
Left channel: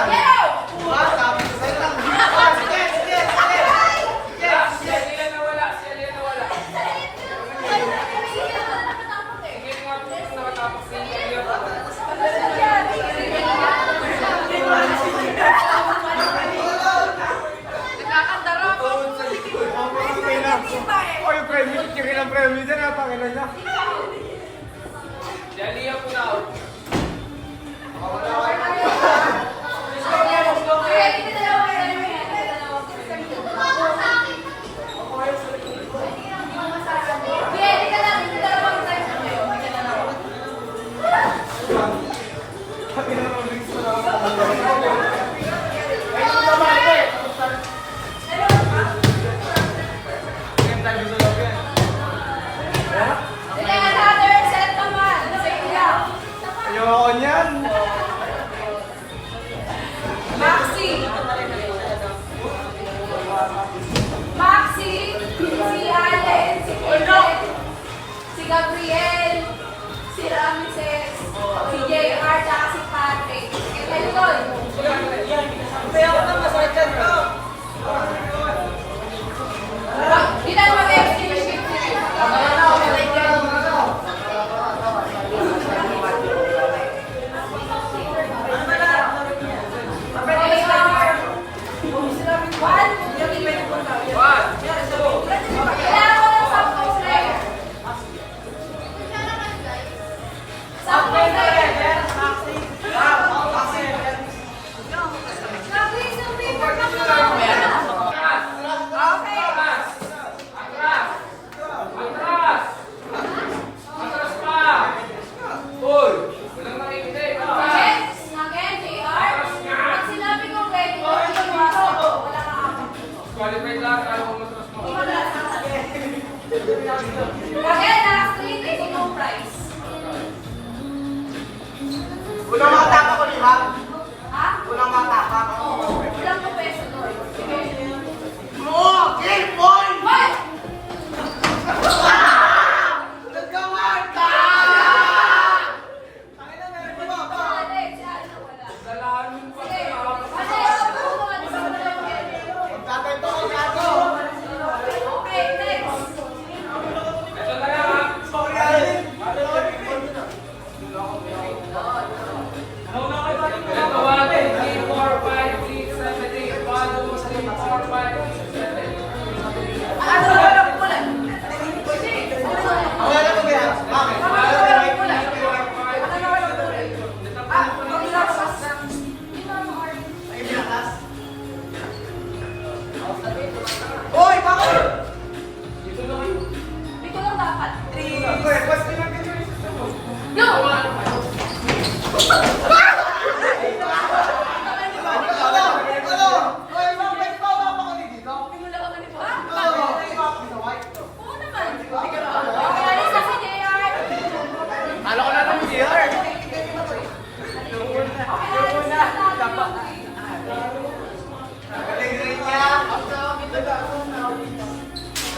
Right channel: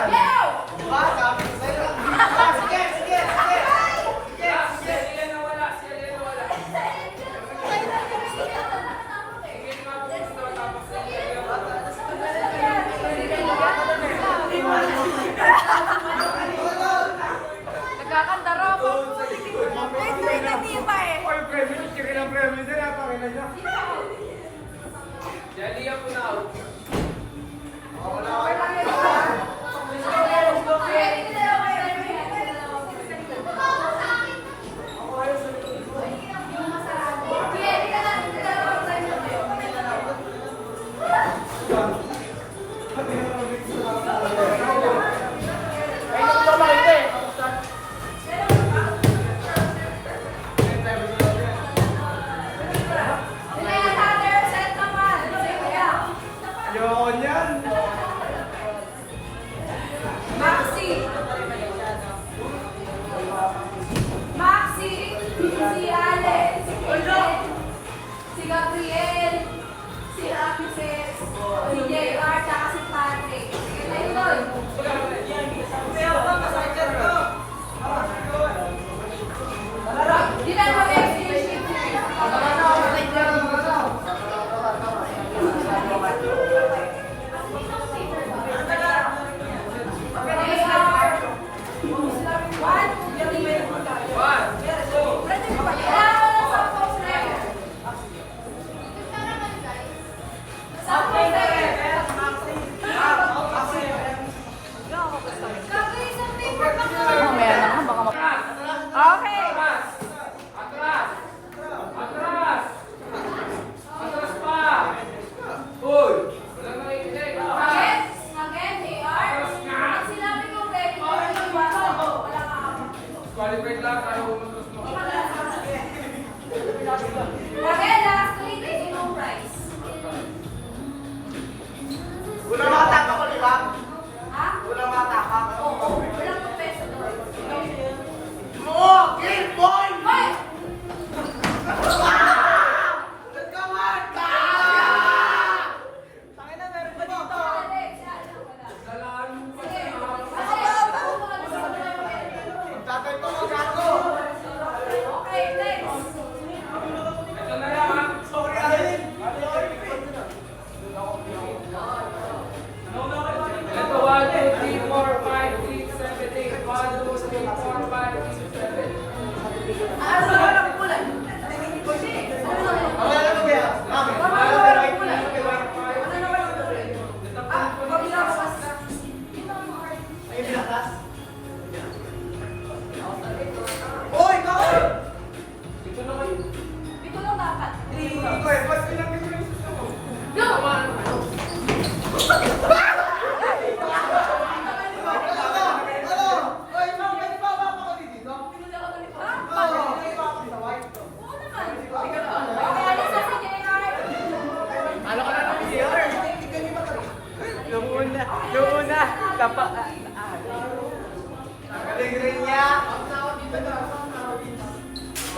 yan. Yellow! Diba? Sabi ko sa'yo lang. Sige, sige, sige. Si Alina nawala. Si Alina nawala. Hindi nga nakatapos si Alina. Nagkakanta raw ako. Oh, yung premium. Chicken ang premium din. Natangin na niya. Si Alina po na out. Ayoko niyan. Maxi! Maxi! Si Allen! Si Kate! Si Gabriel! Si Ramses! Si JR! Tsaka si Patrick! Ayun! Ilan mo rin? Atras pa! Hoy! Walang nakikinig. Qualified lahat. Ayaw ko matras mo. Unang mataka ko, di ba? Unang mataka ko. Oo! Game point! Nagkawan ka! Dalahan mo pa. Tatay to, gago! Ito na lang ha. Sorry, Alin. Ito 1, 2, 3, 4, 5, 6, 7, 8. 1, 2, 3, 4, 5, 6, 7, 8. Ako na lang gira. Oy, bakit? Oy, basta lang ito. Oy, mga pwede pa ba ako dito? Ano ko na lang siya? Galing niya.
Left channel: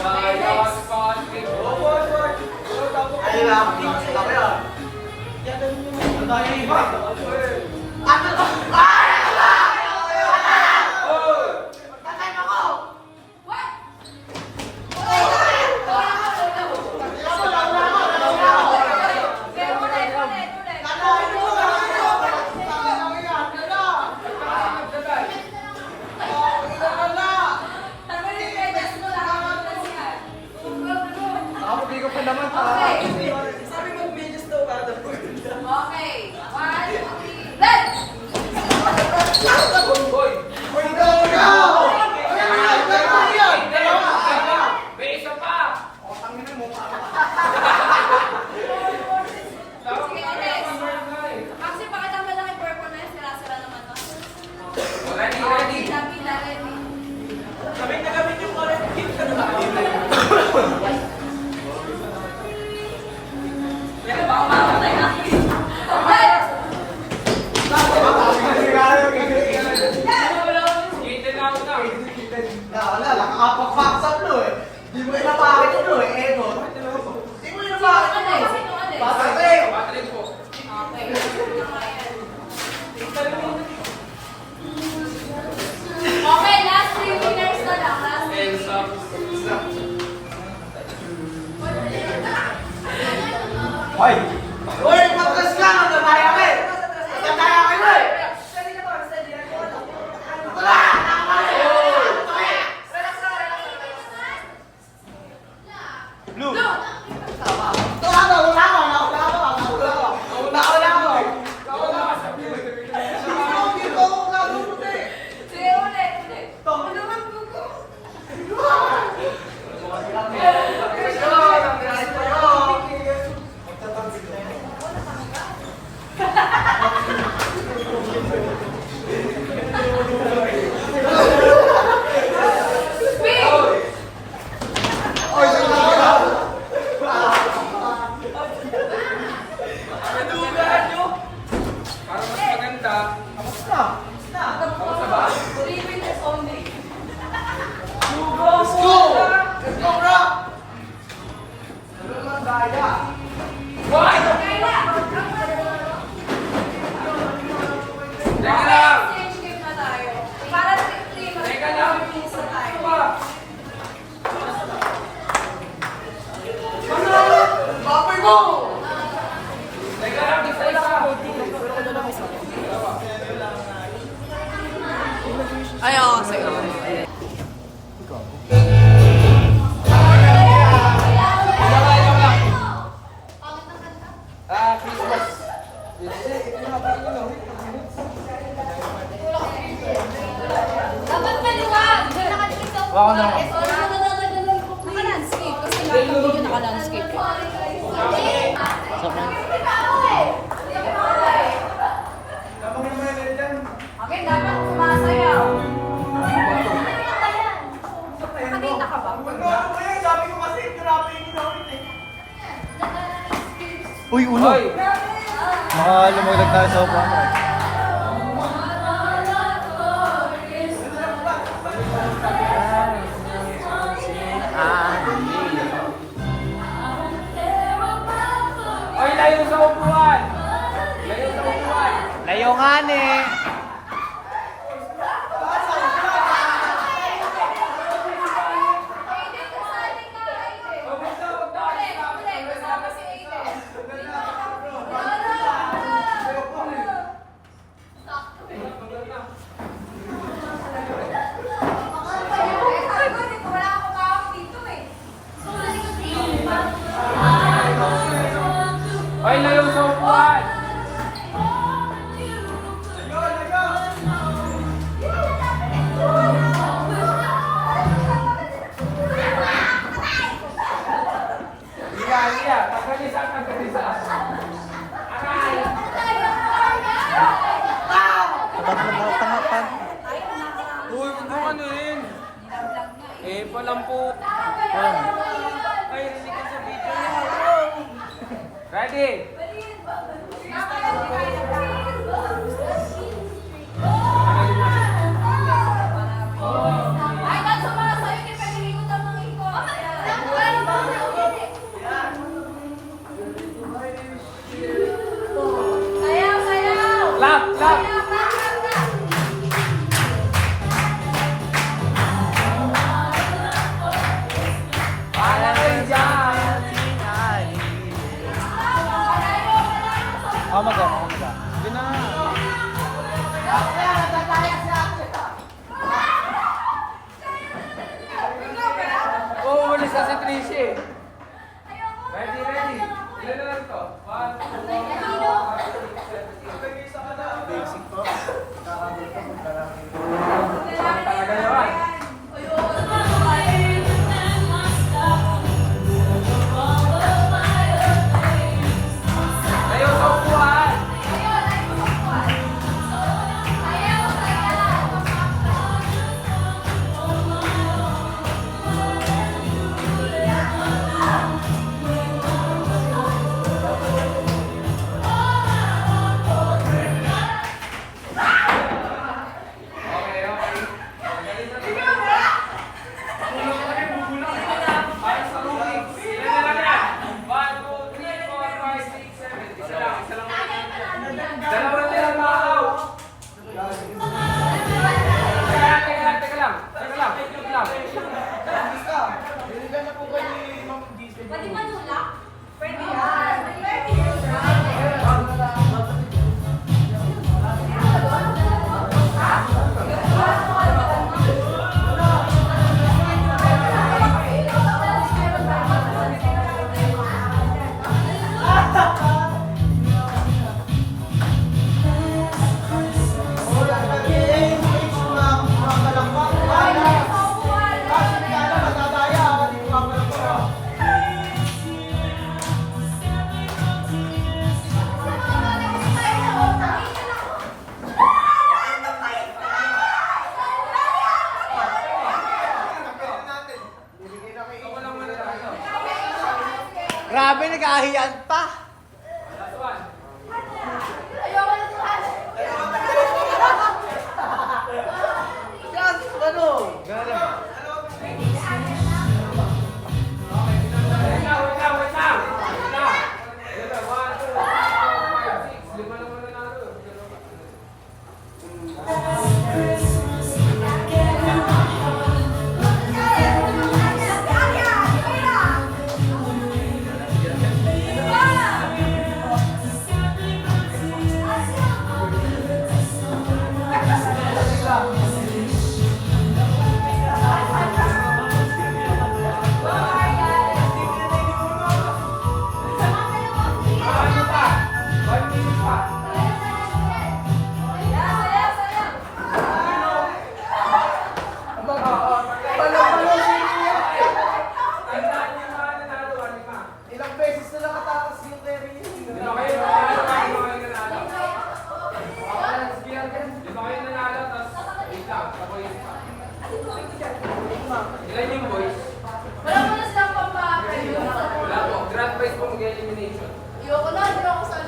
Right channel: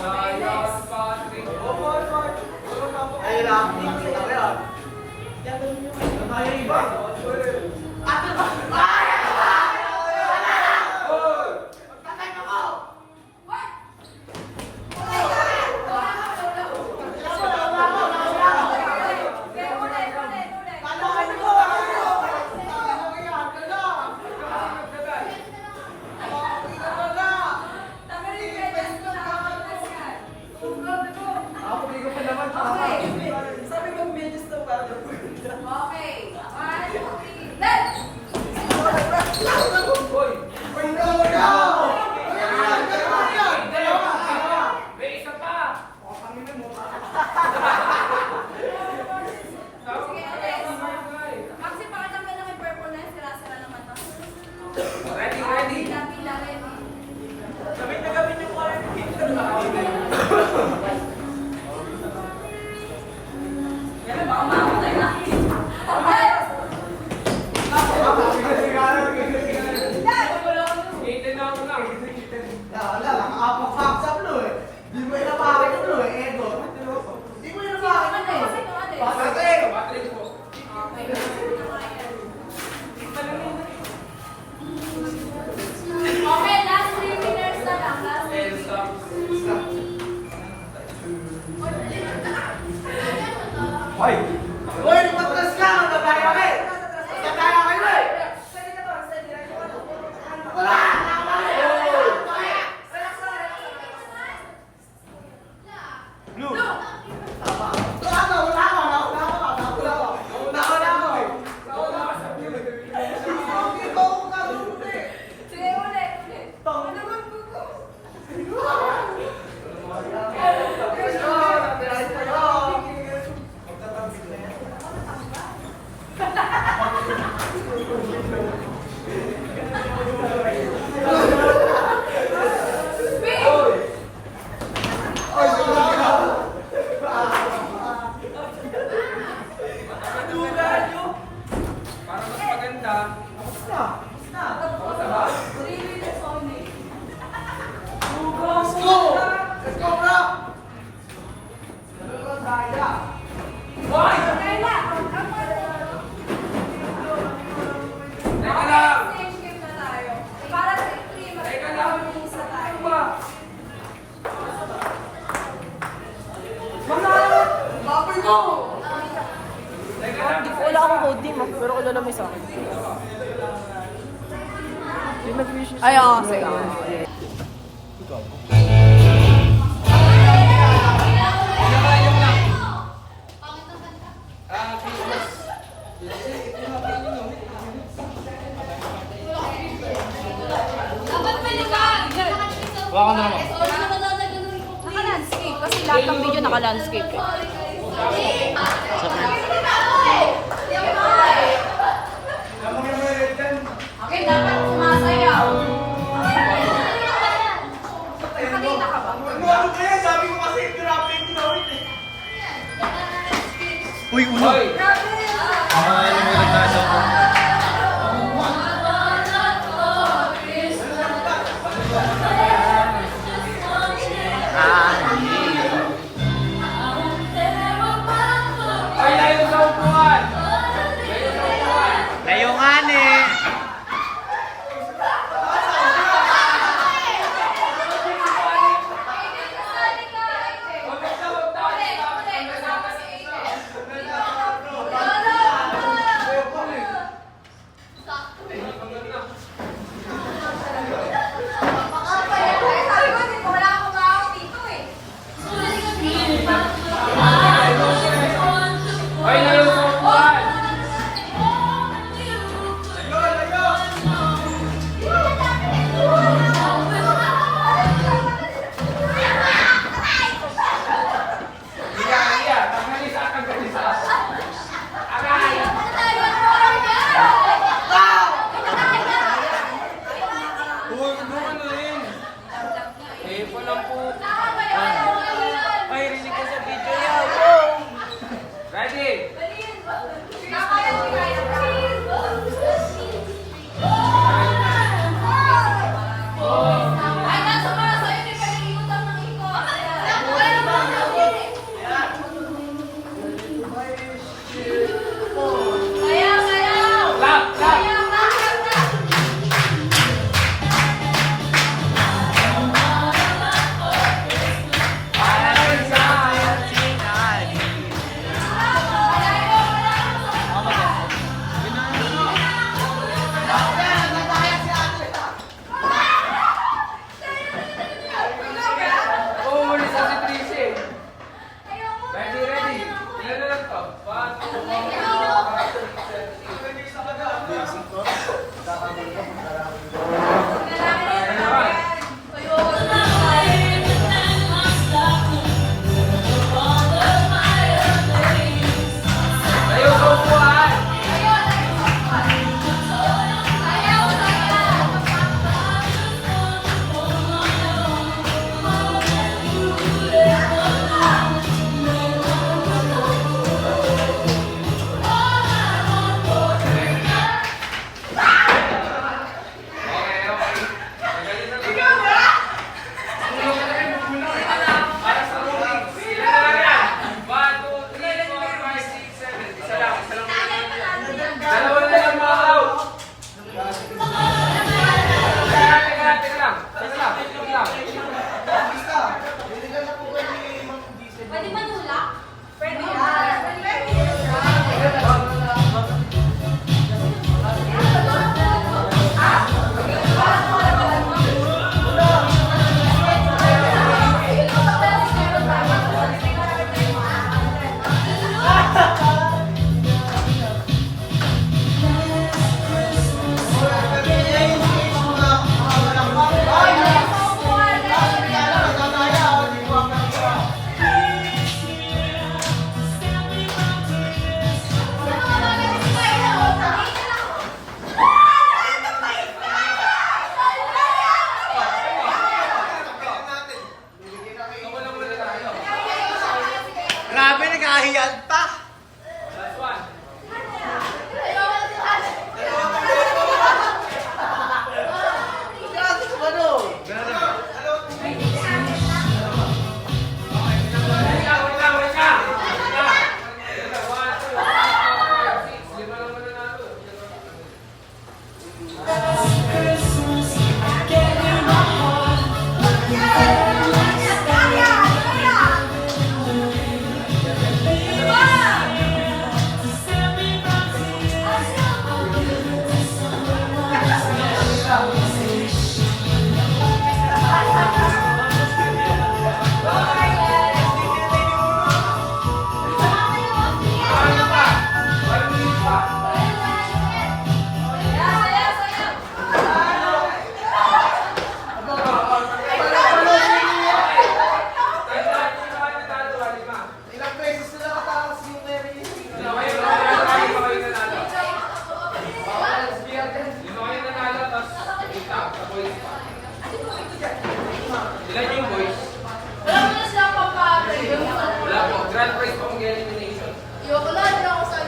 Kaya si Patrick. Ayun lang, dito sa camera. Ano tayo yung iba? Ano ba? Patay mo ko! Ako, di ko pa naman. Sabi mo, medyo daw para daw. Okay. 1, 2, 3, let's! Hoy! Uy, ikaw ka! Ay, yan! Dalawa! May isa pa! Sige, Alex. Maxi, pakita mo lang yung purple na yun. Sira-sira naman to. Ready, ready. Pila, ready. Sabi na gamit yung hit ka na. Skater na ako na. Wala, nakakapag-facts up no eh. Di mo inapake ko no eh, ego. Di mo inapake ko no. Basta sa'yo. Patrick po. Okay. Teka lang! Change game na tayo. Para sa team, Teka lang! isa tayo. Ano ba? Baboy mo! Teka lang, isa-isa. Pero kailan lang isa. Ay, oo, sige. Christmas. Dapat maliwag. Baka naman. Naka-landscape. Kasi lahat ng video naka-landscape. Okay, dapat sumasayaw. Kanina ka ba? Uy, uno. Hoy! Lumulat tayo sa upuan. Ay, layo sa upuan! Layo nga ni. Ay, layo sa upuan! Iya. Tagkatisa. Aray! Uy, ano ano rin? Eh, walang po. Ay, rinig ko sa video yan. Ready? Clap, clap! Oo, muna sa si Tracy. Ready, ready. Ilan na lang to? 1, 2, 3, 4, 5, 6, 7, 8. Layo sa upuan! Okay, okay. Magaling na lang. Para sa rolling. Ilan na lang yan? 1, 2, 3, 4, 5, 6, 7. Isa lang, isa lang. Dalawa na lang mga out. Teka lang. Wait lang. Wait lang. Pwede manula? Pwede Grabe, nagkahiyad pa. Last one. Wait lang, wait lang. Sa boys. Ilan yung boys? Wala mo na silang pampapre. Wala po. Grand prize po mag-galing donation. Wala na ako sa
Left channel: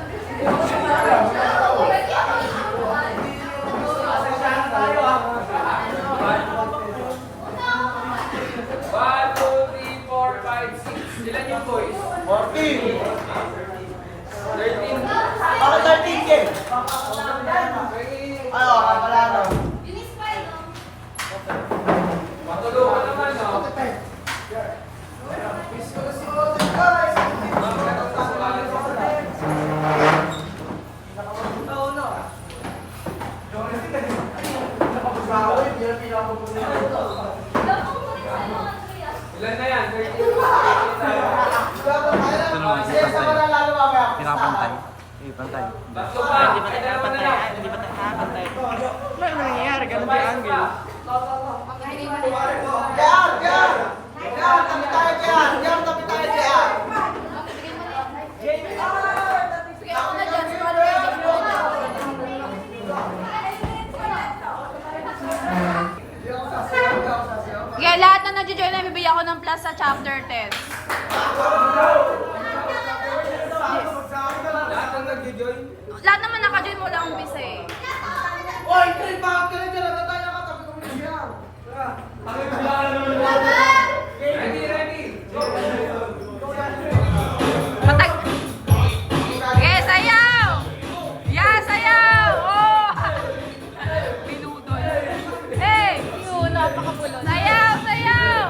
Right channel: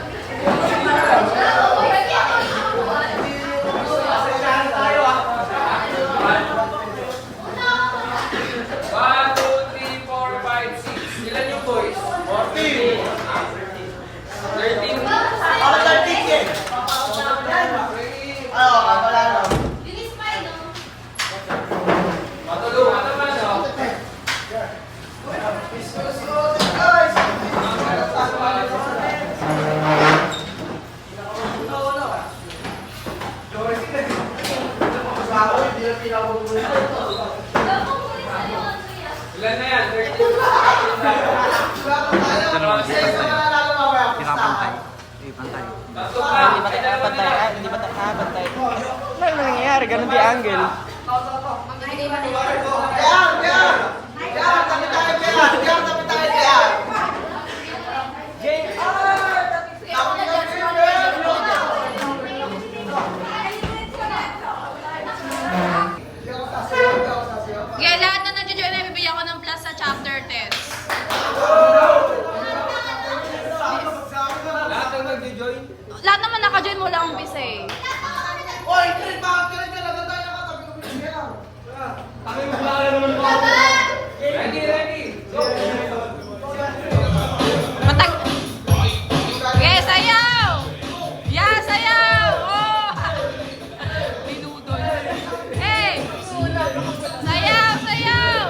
One, two, three, four, five, six. Ilan yung boys? 14. 13. Ako sa ticket. Ay, wala na. Matulungan naman, no? Ilan na yan? 13. Pinapantay. Pantay. Tatlo pa. Pantay. Hindi ba pantay? Ano nangyayari? Ganun di angle. Kaya lahat na nag-join, may bibigyan ko ng plus sa chapter 10. Lahat ang nag-join? Lahat naman naka-join mo lang umpisa eh. Oy, Trey, bakit ka nagtatay na katabi ko siya? Ready, ready. Go. Matag... Okay, sayaw! Yeah, sayaw! Oh! Binudol. Hey! Sayaw, sayaw!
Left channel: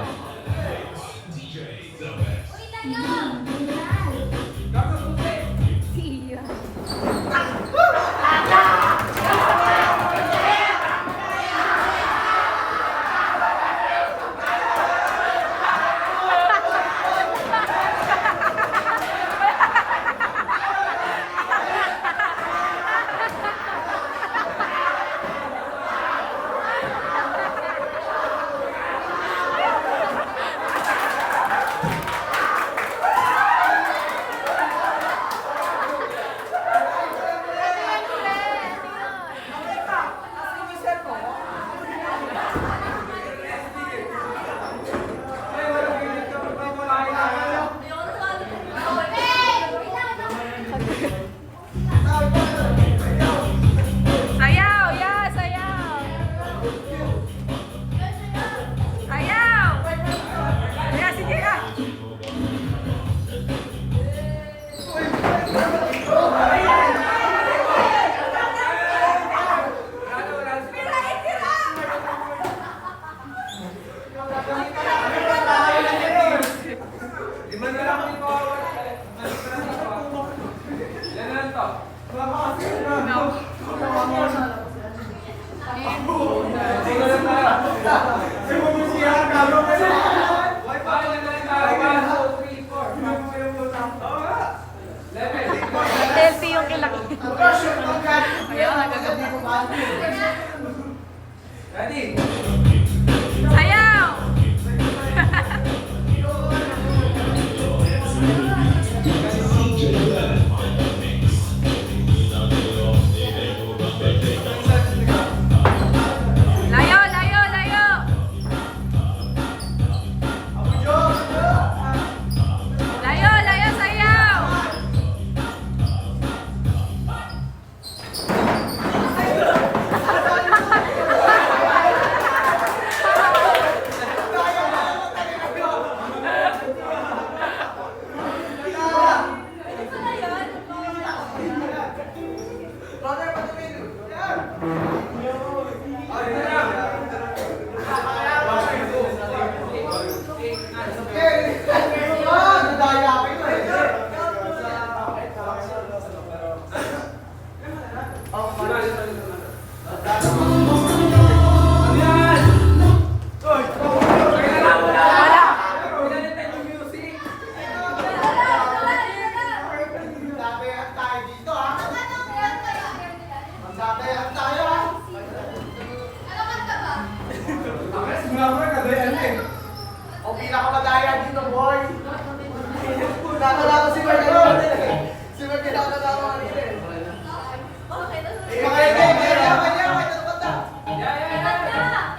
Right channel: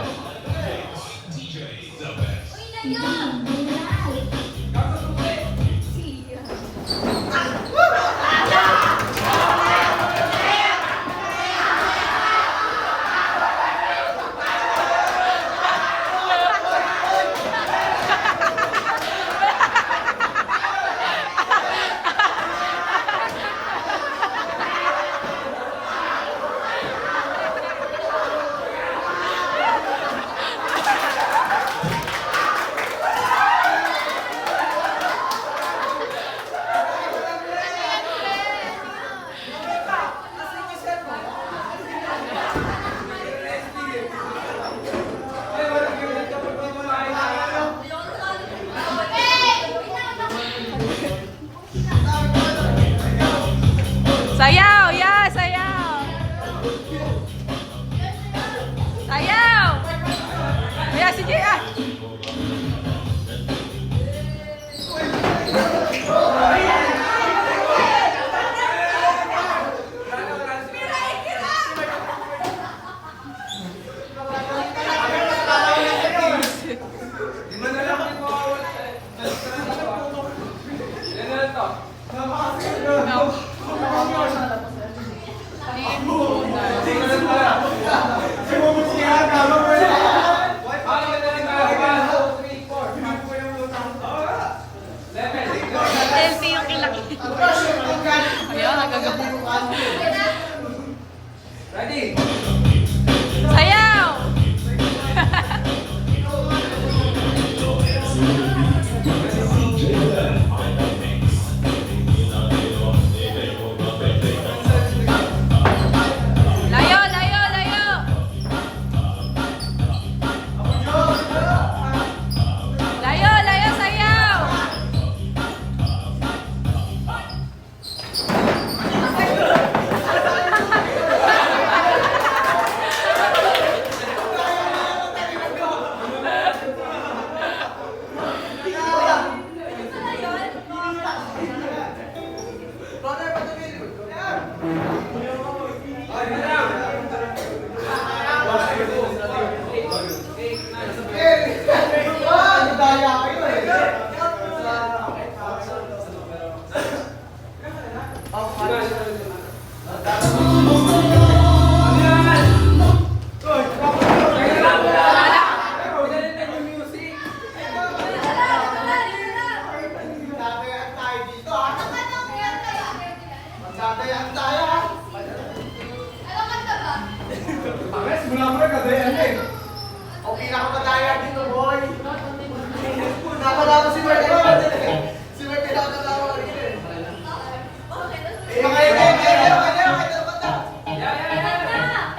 Sayaw! Yeah, sayaw! Sayaw! Yeah, sige ah! Ilan na to? Ay, ganda rin tayo. 1, 2, 3, 4. 11. Selfie yung kailangan. Ayaw, nagagaburo ka. Ready? Sayaw! Layo, layo, layo! Layo, layo, sayaw! O pinakamadaya dito, boy. Nakalaman si Mark kanina eh. Si Mark pinakatawa kanina eh. Kaya, Yeah, yeah, yeah.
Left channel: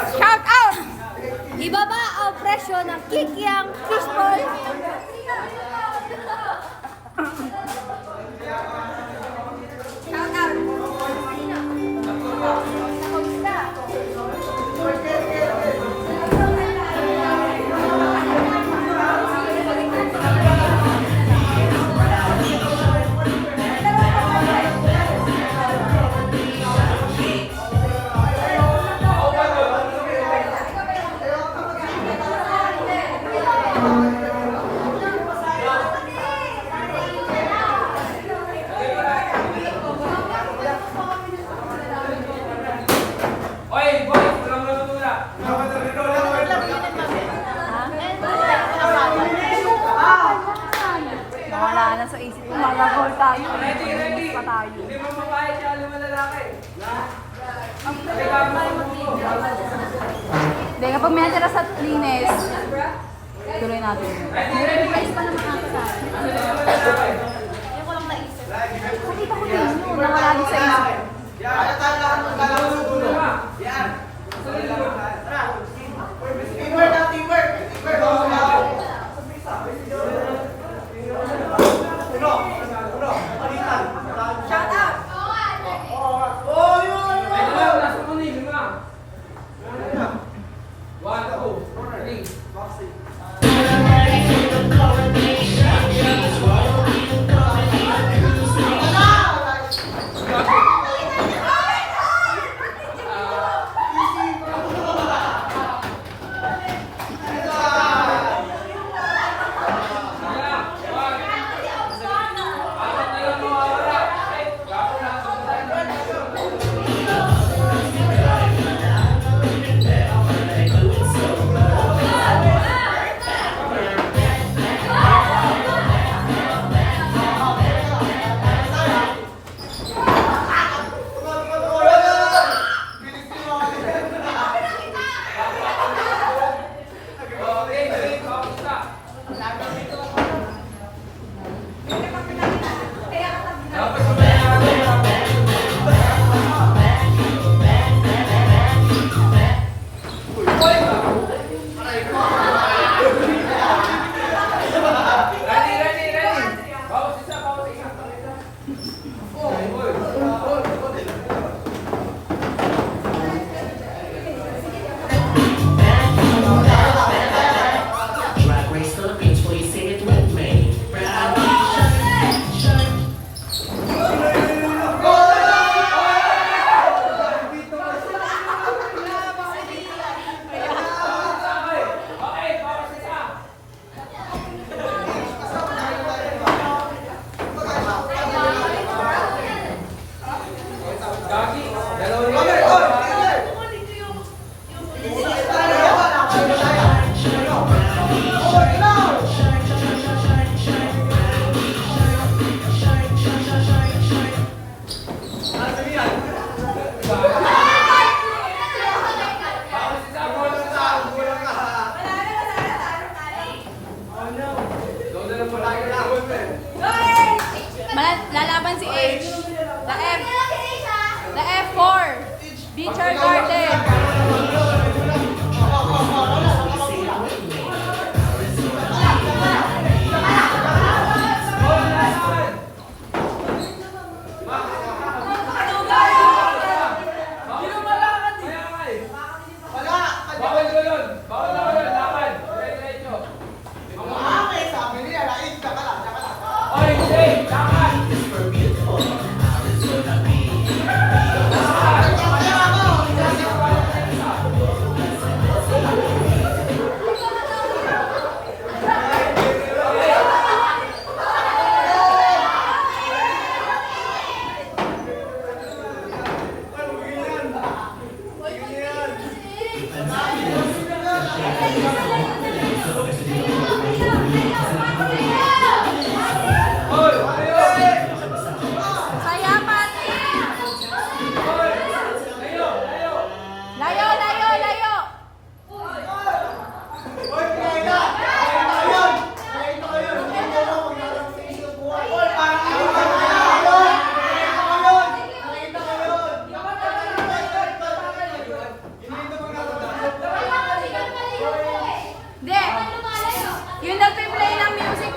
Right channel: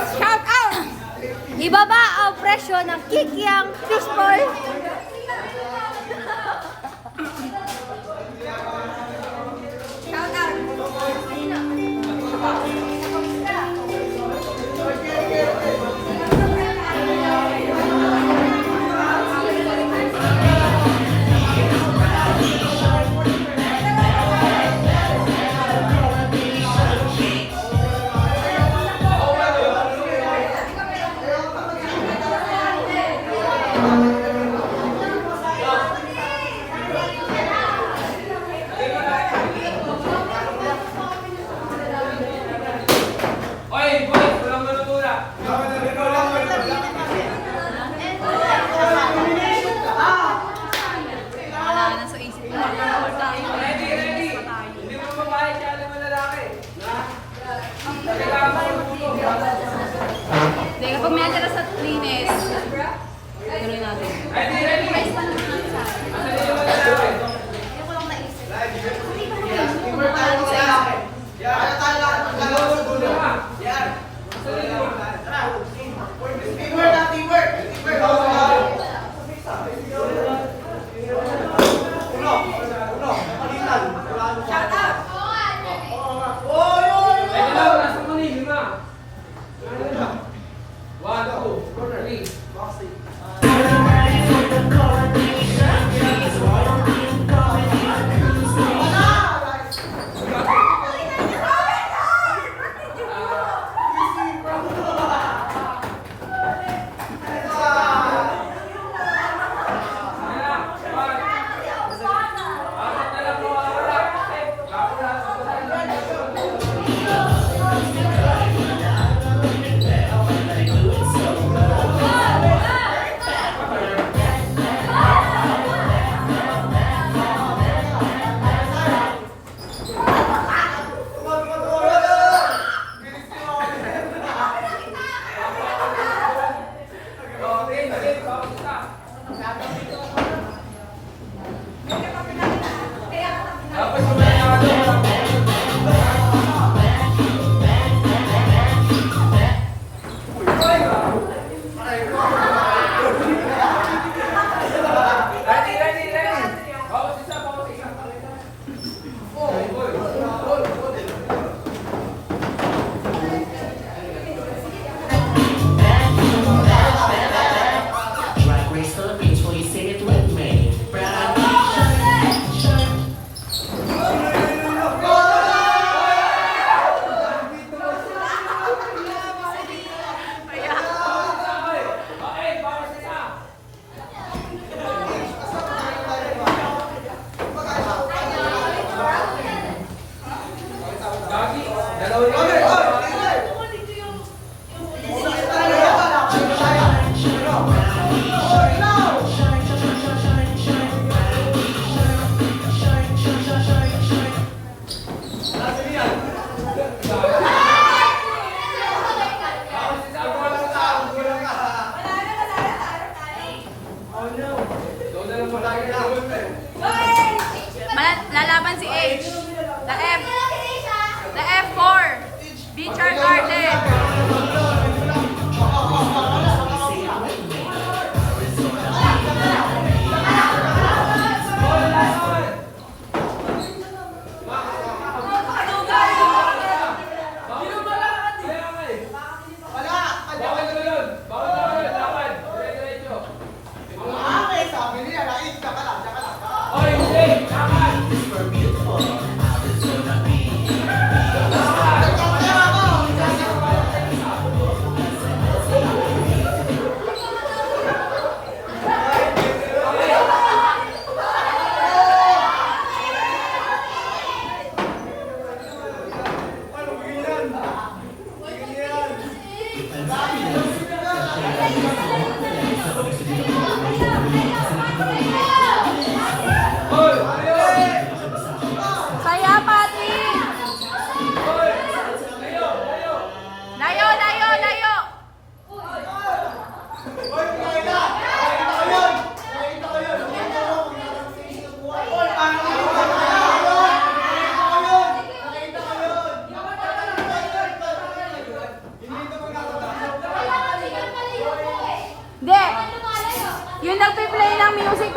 Shout out! Ibaba ang presyo ng Kikiang Fishball. Shout out! Oy, boy, walang malutula. Wala na sa isip ko. Magagol tayo. Ready. Pa tayo. Hindi mo babae, siya alam mo lalaki. Halika mo pagbubo. Hindi, kapag may natira sa linis, tuloy natin. Ready. Asan din naman lalaki? Teamwork tayo kaya. Kaya tayo lahat ng galaw ng dulo. Yan. Teamwork na teamwork. Uno. Palitan. Shut up. Ay, dalaw, nasa muni, 5. 1, 2, 3. Dapat kumain Ready. Bawas isa. Drag Race Philippines, will you sing it with me? Okay, bawas isa. Gagi, dalawa rin. Bawas isa. Doon na lang po tayo na. Lalaban si H. The F4. Video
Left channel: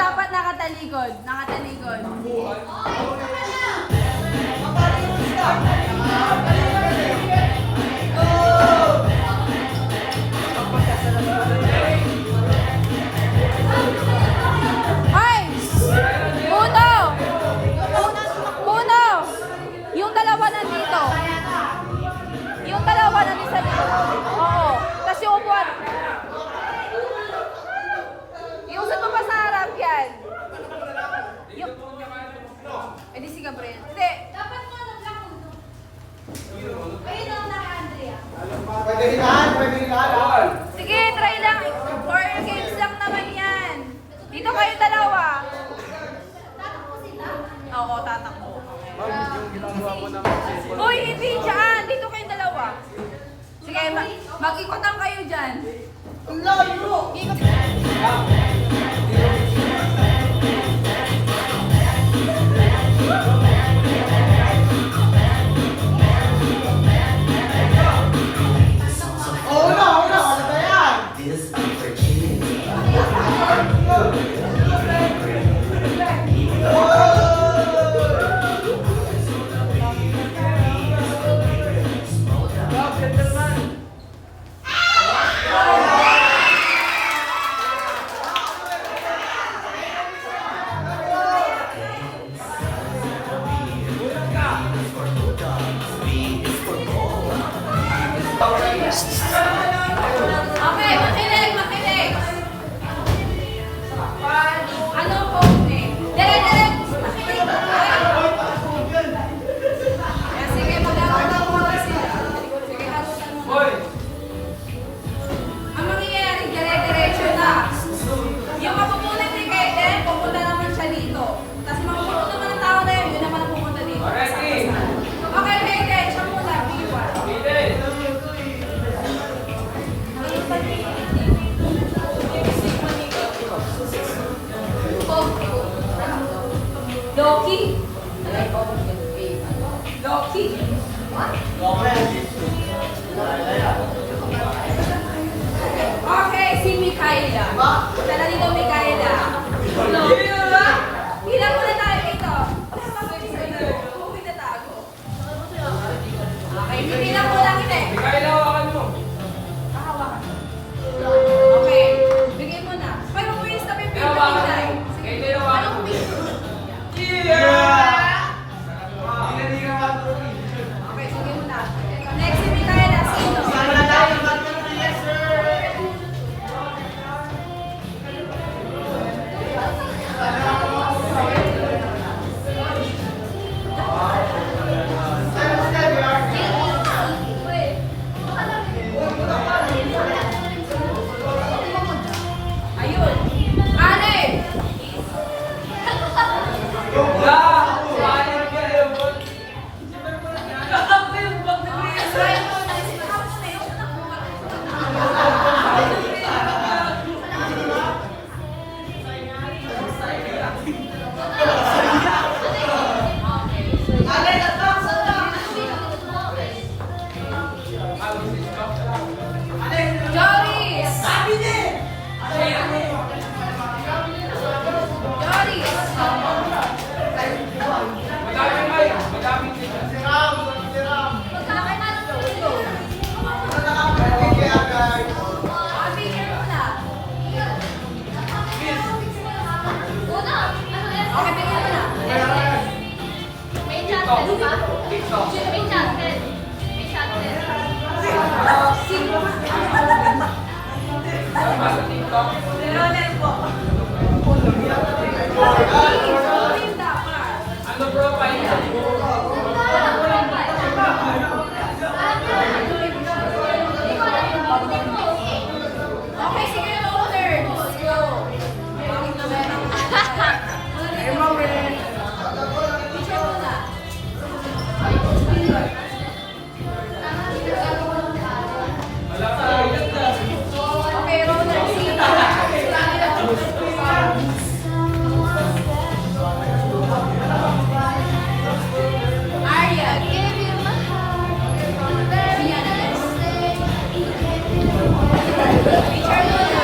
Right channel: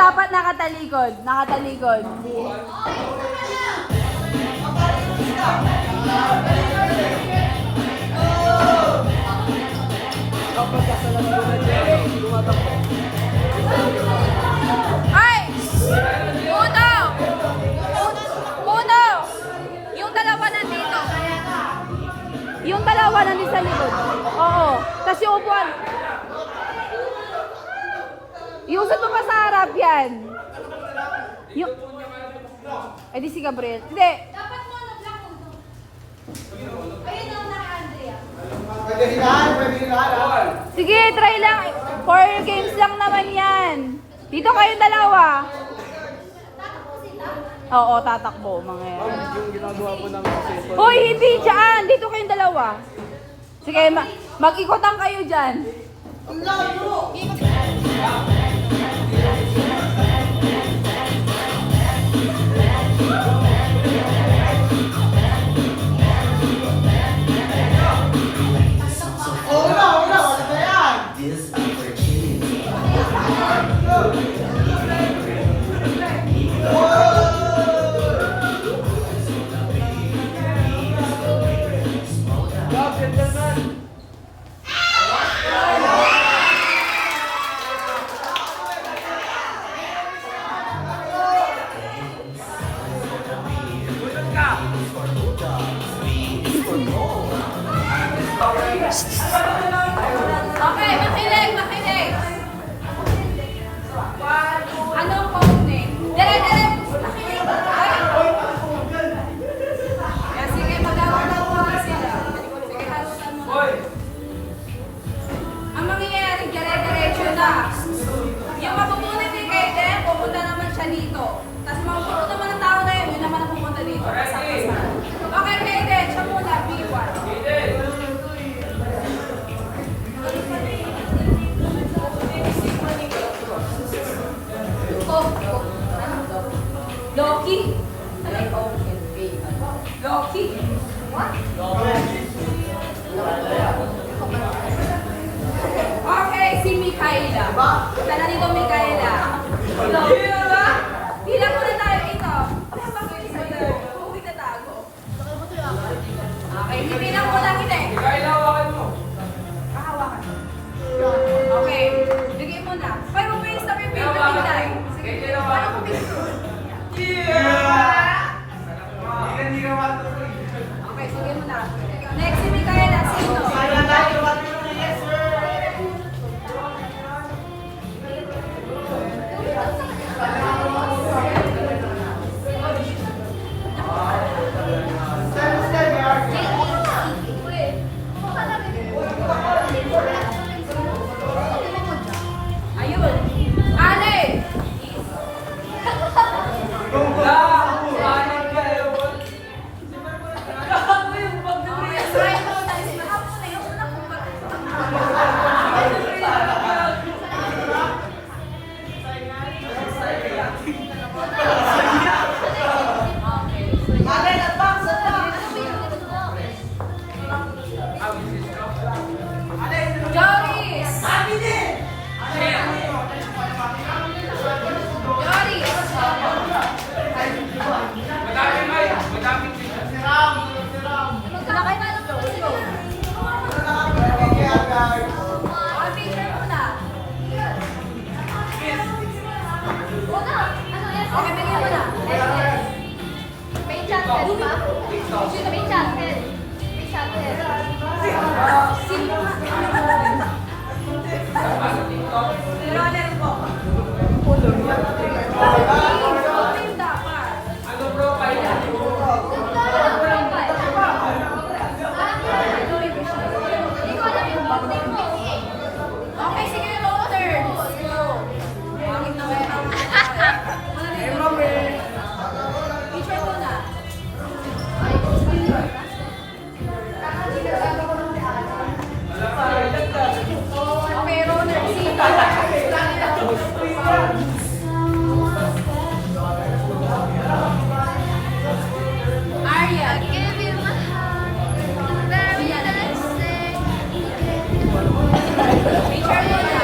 dapat nakatalikod. Nakatalikod. Ay! Puno! Puno! Yung dalawa nandito. Yung dalawa nandito sa likod. Oo. Tapos yung upuan. Yung sa tupa sa harap yan. Yung... Eh di si Gabriel. Hindi. Dapat mo na lang. Ayun ang naka-Andrea. Pwede hinahan, pwede hinahan. Sige, try lang. 4 games lang naman yan. Dito kayong dalawa. Oo, tatakbo. Mga yan. Hoy, hindi dyan. Dito kayong dalawa. Sige, mag-ikotan kayo dyan. Una, wala na yan. This opportunity. Okay, makinig, makinig. Ano ang code name? Dire, makinig. Ay. Kaya sige, mag-aaral mo na sila. Sige, harutan mo na. Ang mangyayari, dire-diretso na. Yung mapupunit ni Kaiden, pupunta naman siya dito. Tapos mapupunta naman ng tao na yun, yun naman ang pupunta dito. Okay, Kaiden, siya muna, B1. Loki. Loki. Okay, si Mikaela. Tala dito, Mikaela. Bilang muna tayo dito. Wala ba ko sa'yo? Huwag itatago. Okay, bilang muna kita eh. Kahawakan mo. Okay, bigyan mo na. Pero may stop yung paper tinday. Sige, anong picture? Okay, sige mo na. Next, si Mikaela. Sino? Ayun. Ale! Joris! Joris! Malaki na ito. Go. Picture muna. Okay, bigyan mo na. May chances ba? Sino may chances? May chances. Sino nga? Ronel po. Please, dapat. Ano profile? Okay, sige, roll turn. Let's go. Bakit naman ang Ay, mami. Picture muna. Okay, roller. Sino? Aryan. Picture muna.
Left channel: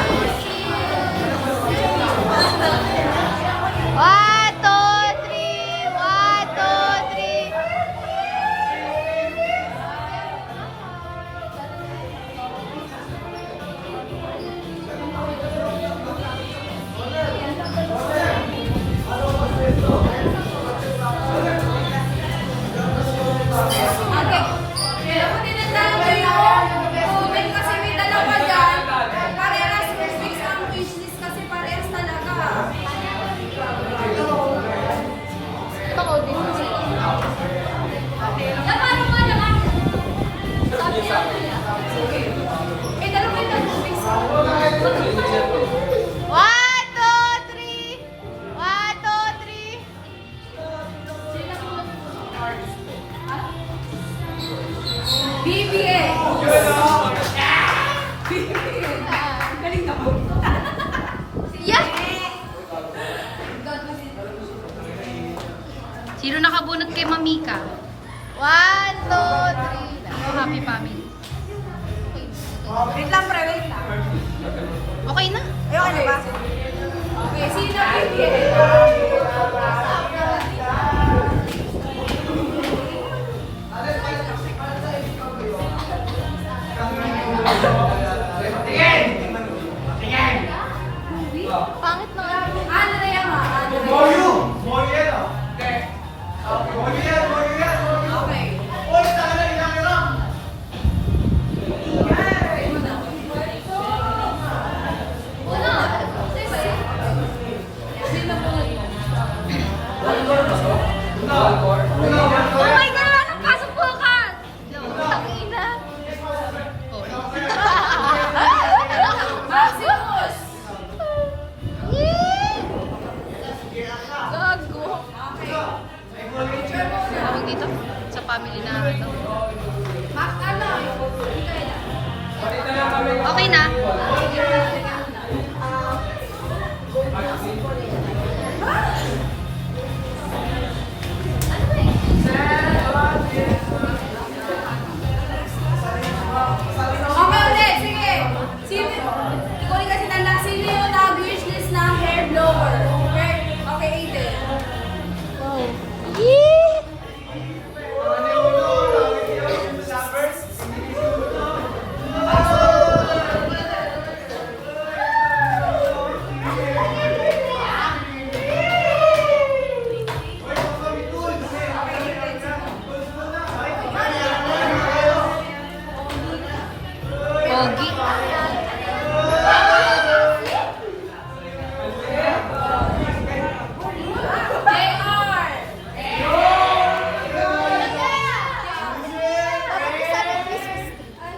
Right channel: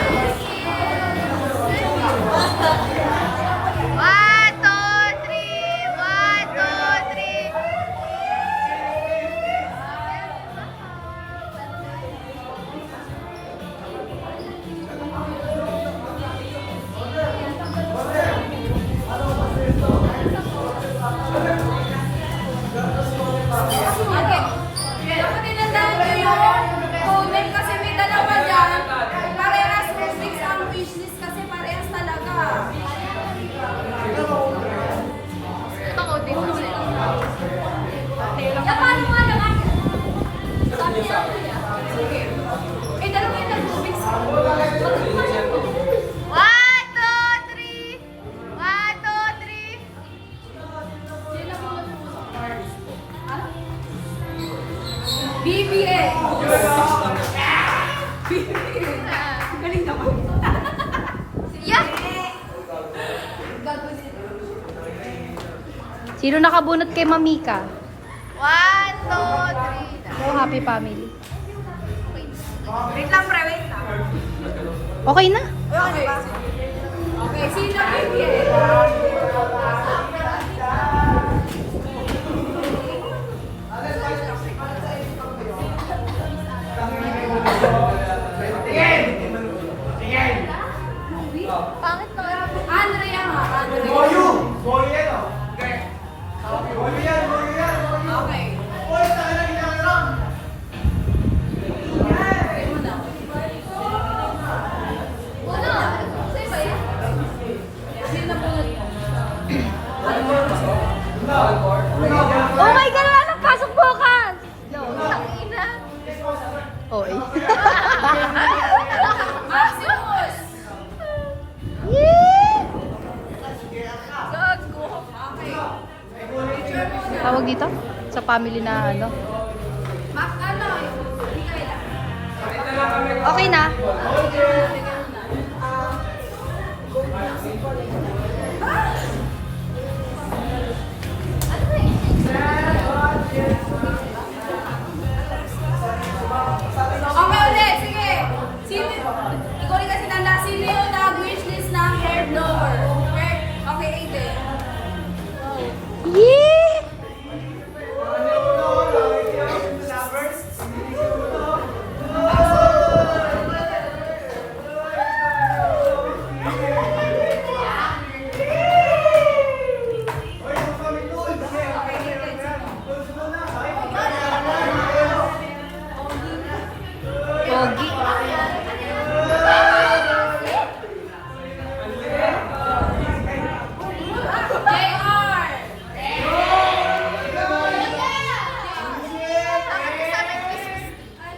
Okay. Eh, dalawa yung nag-moving sa... 1, 2, 3! 1, 2, 3! Sila po Mars. Ano? BBM! BBM! Galing naman. Yeah! Sino nakabunot kay Mamika? 1, 2, 3. Oh, happy family. Wait lang, pre. Wait lang. Okay na? Okay. Okay, sino BBM? Andrea nga, Andrea. Okay. Sino bunot mo? Oh my God! Wala nang pasok bukas! Okay. Maximus! Okay. Picture muna. Tawag dito? Sa family na ano? Max, ano? Mikaela. Okay na? Okay ulit, sige. Sino, ikaw rin kasi tanda, sino yung nag-wishlist ng hair blower? Okay, Aiden. Pogi. JR!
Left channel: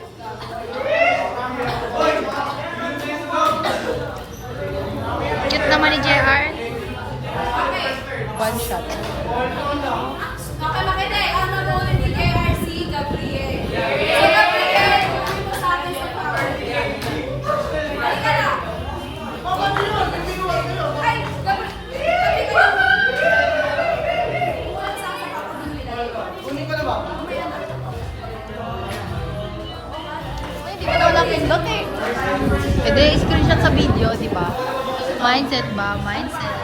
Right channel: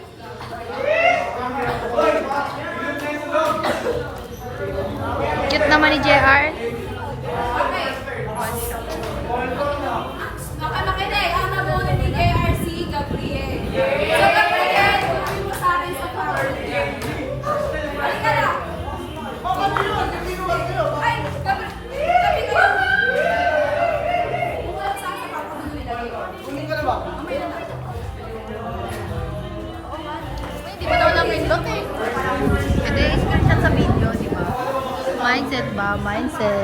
Cute naman ni JR. Okay. One shot. Okay, makinig. Ang nabunin ni JRC, Gabriel. So, Gabriel, tuloy mo sa akin sa power. Halika na. Ay, Gabriel. Tabi kayo. Kung walang sasa pa, kung ano nilagay ko. Kunin ko na ba? Mamaya na. Gabriel, Pwede screenshot sa video, di ba? Mindset ba? Mindset.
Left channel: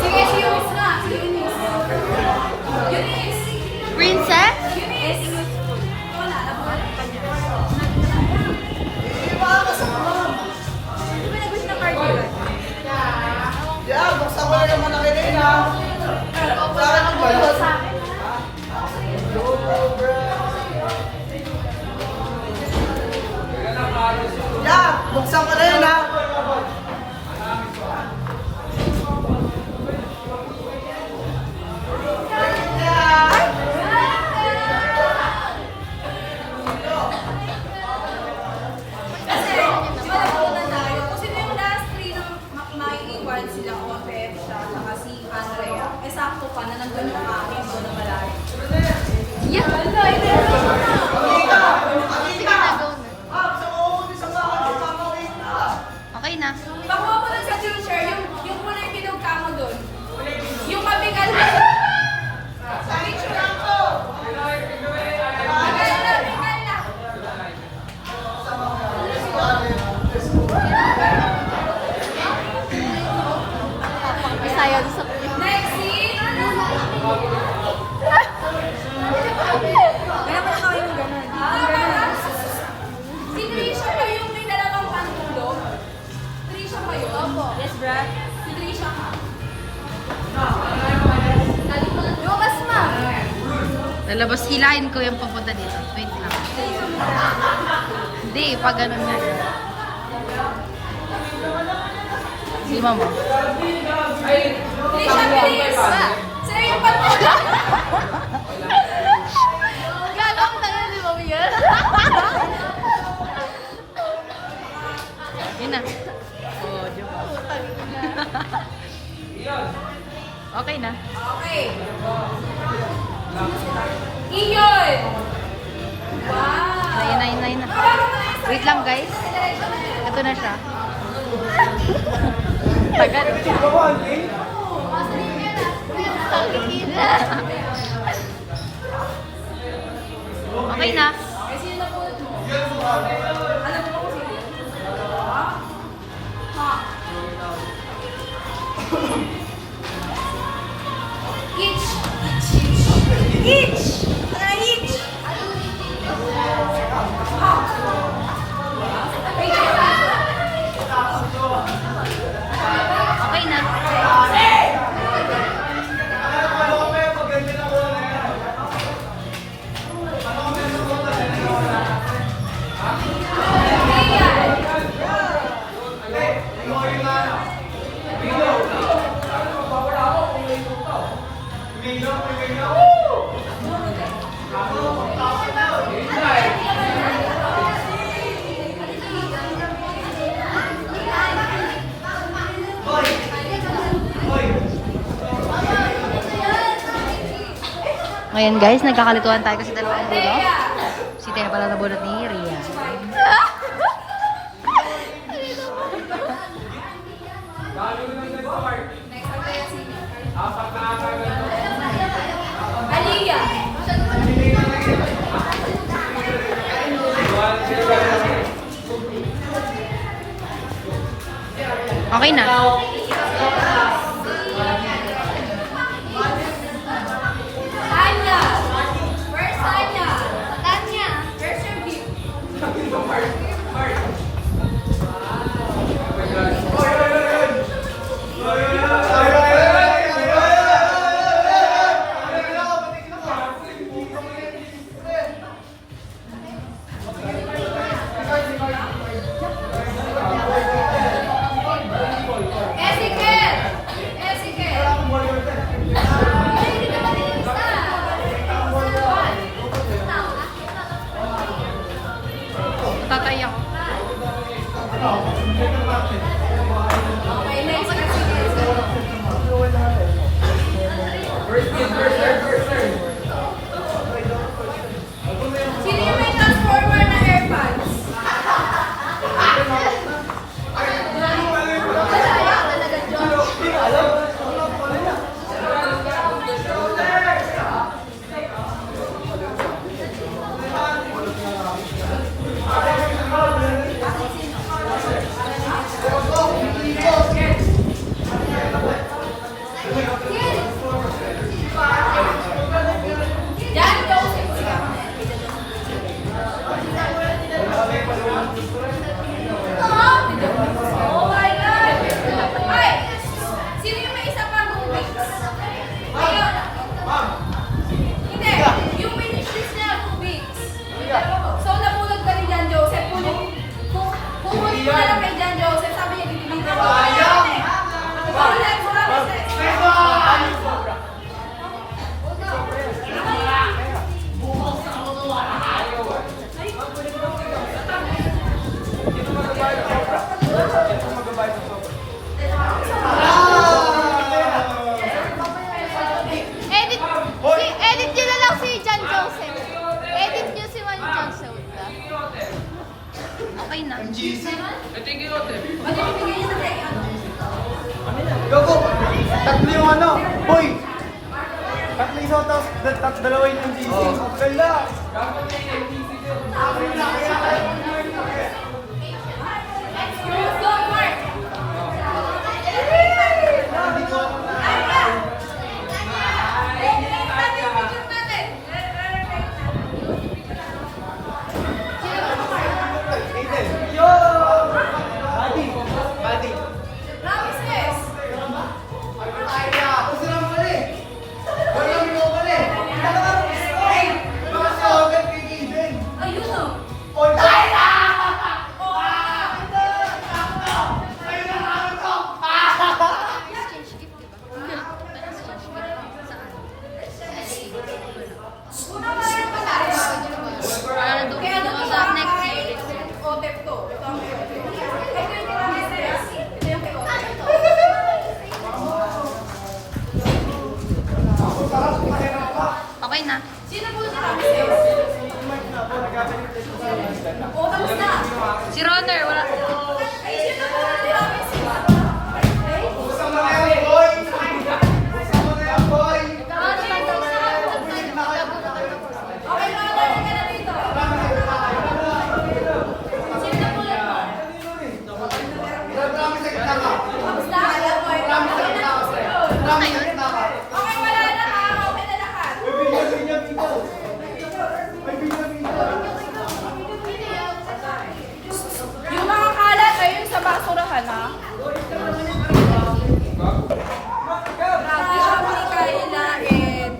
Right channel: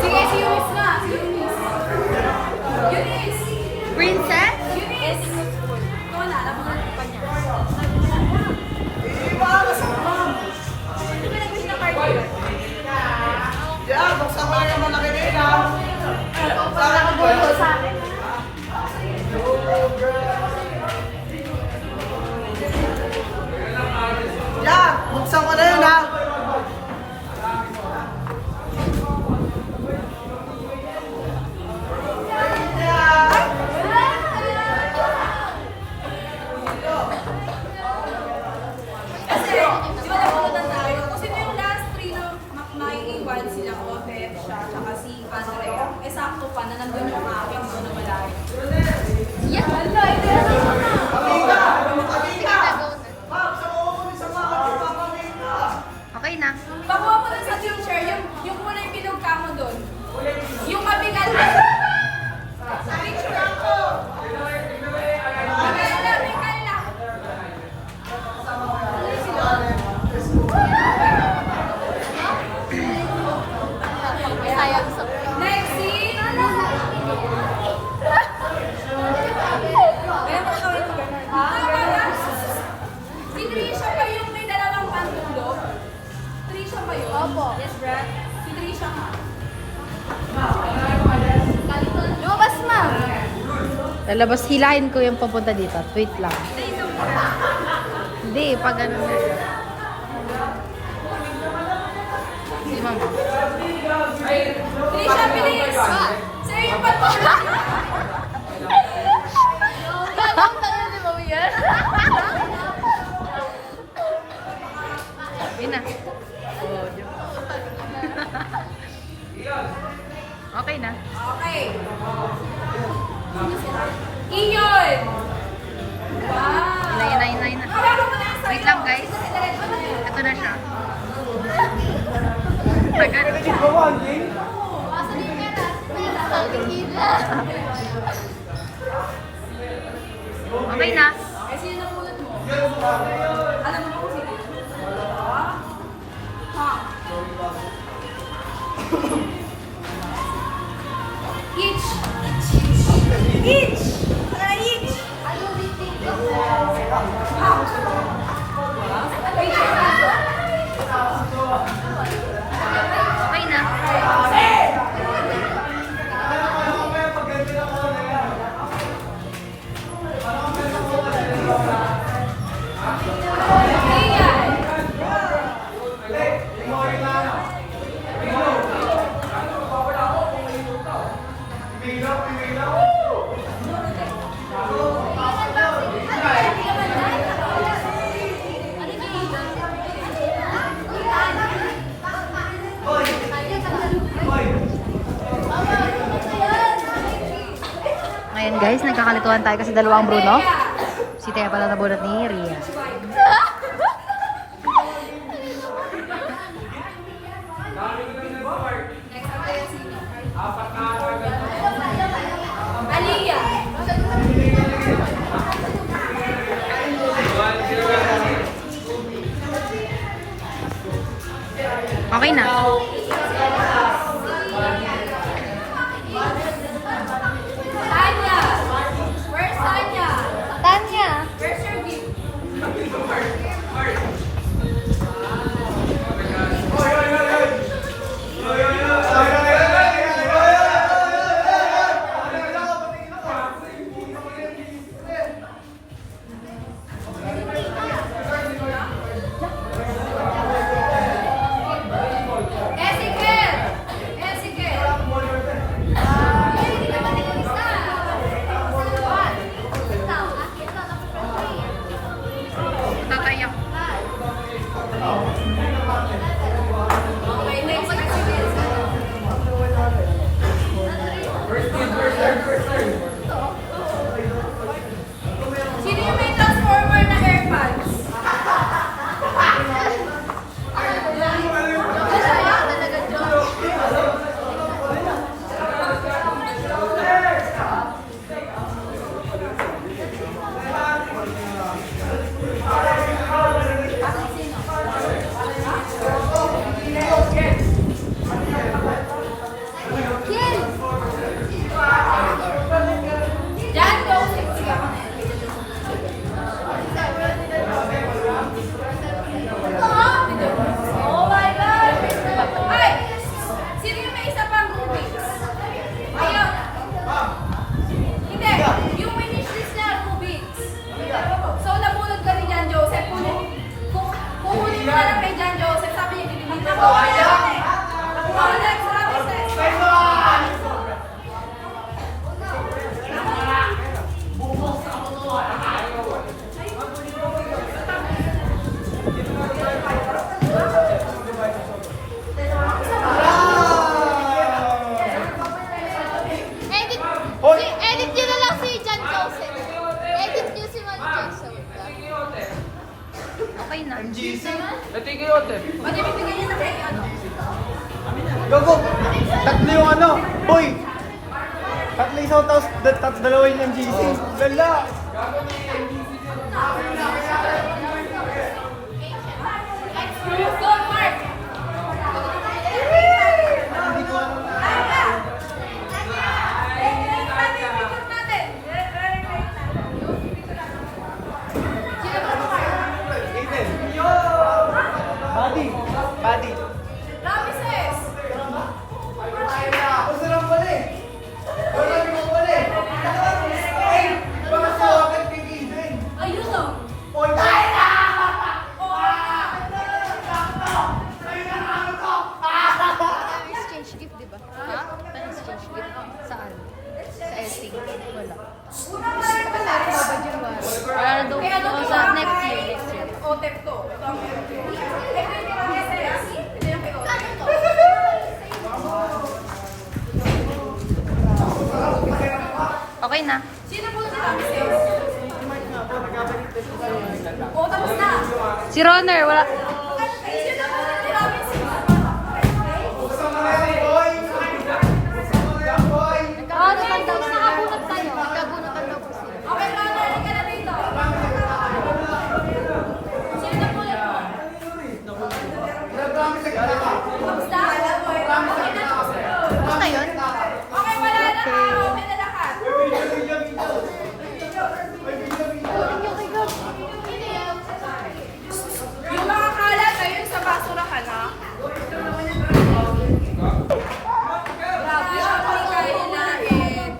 sige, si Eunice na. Si Eunice. Eunice. Princess? Eunice. Ikaw na, alam mo ka niya. Iba, kasama. Yeah, buksan ko na yung malaki na yun, ha? Sa akin mo ba yun? Sa akin. Yeah, buksan ko na yun, ha? Kasi, di ba nabunutan tayo? Kung sino yung last three na maiiwan sila, Opep, siya, saka si Andrea. Eh, sakto pa na nandun yung akin, doon na malayo. Yeah, wala, ito yung na. Okay na. Pakuha mo dun sa teacher, yung kulay bilog ka mo dun. Yung mabigat. Picture. Mikaela, Mikaela. Next scene. Tama na. Si Trisha pa yung may dalawang pantulog. Trisha pa yun? Yes, Brad. Si Trisha ka. Lukas na. Lalabas, hilahin ko yung papunta dito. Wait lang. Hindi, pag ganun nga. Di mama. Trisha Okay na. Okay. Iyon! Wow! Yun na. Hawakan mo na yung Wait lang, guys. Ito na siya. Tagal. Okay na. Eh, sino napulot mo? Alam mo ba kung sino yun? Ha? Each! Each! Tara, each! Ha? Okay na. Ayan! Ngayon guys, nagkakalituhan tayo kasi dalawang Bruno. Si Tea pala nabunot ni Ria. Next, ang kaya sino? Aliyah! Okay na. Tanya! Where's Tanya? Tanya. Where's your gift? Ezekiel! Ezekiel! Hindi ka ba nilista? Tatay ako. Okay, next. Ezekiel. Sino? Sino yung may transformer na AirPods? John Joseph siya. Oh my God! Ay! Sino yung may isa pang Rubik's? Ayaw! Hindi! Yung finish list niya, Rubik's. So, nabulag ka ni John Joseph. Pupunin mo na lang kay John Joseph. Sabi niya, deliver ko. Ayaw! Oh, next! Sabi, next! Edit nyo na lang si John Joseph. Edit nyo si Juan Joseph. Okay na. Ito yung giyote. Ano yung bibigyan niya na kay ano? Gago! Tatlo yung ano, boy! Tatlo isaw, tapos dalawin yung GC. Ganda! Go, Mark! Hindi ko alam na. Aiden! Yo! Pati! Pati! Ramses! Ako sila pala eh! Wala rin ako pala eh! Ay! Baka sa akin kay Aiden! Ayun o! Point Okay na. Sino po tiramisu? Oo, tapos na. Si Ronner, wala. Sino po tiramisu? Okay, Ronald, halika na dito. Sino na pulat mo? Tapos na? Okay na? Okay yun? Okay, wala na ha. Okay na lahat. Yung mga kalat, ayun sa basurahan ha. Grabe, ang kain namin.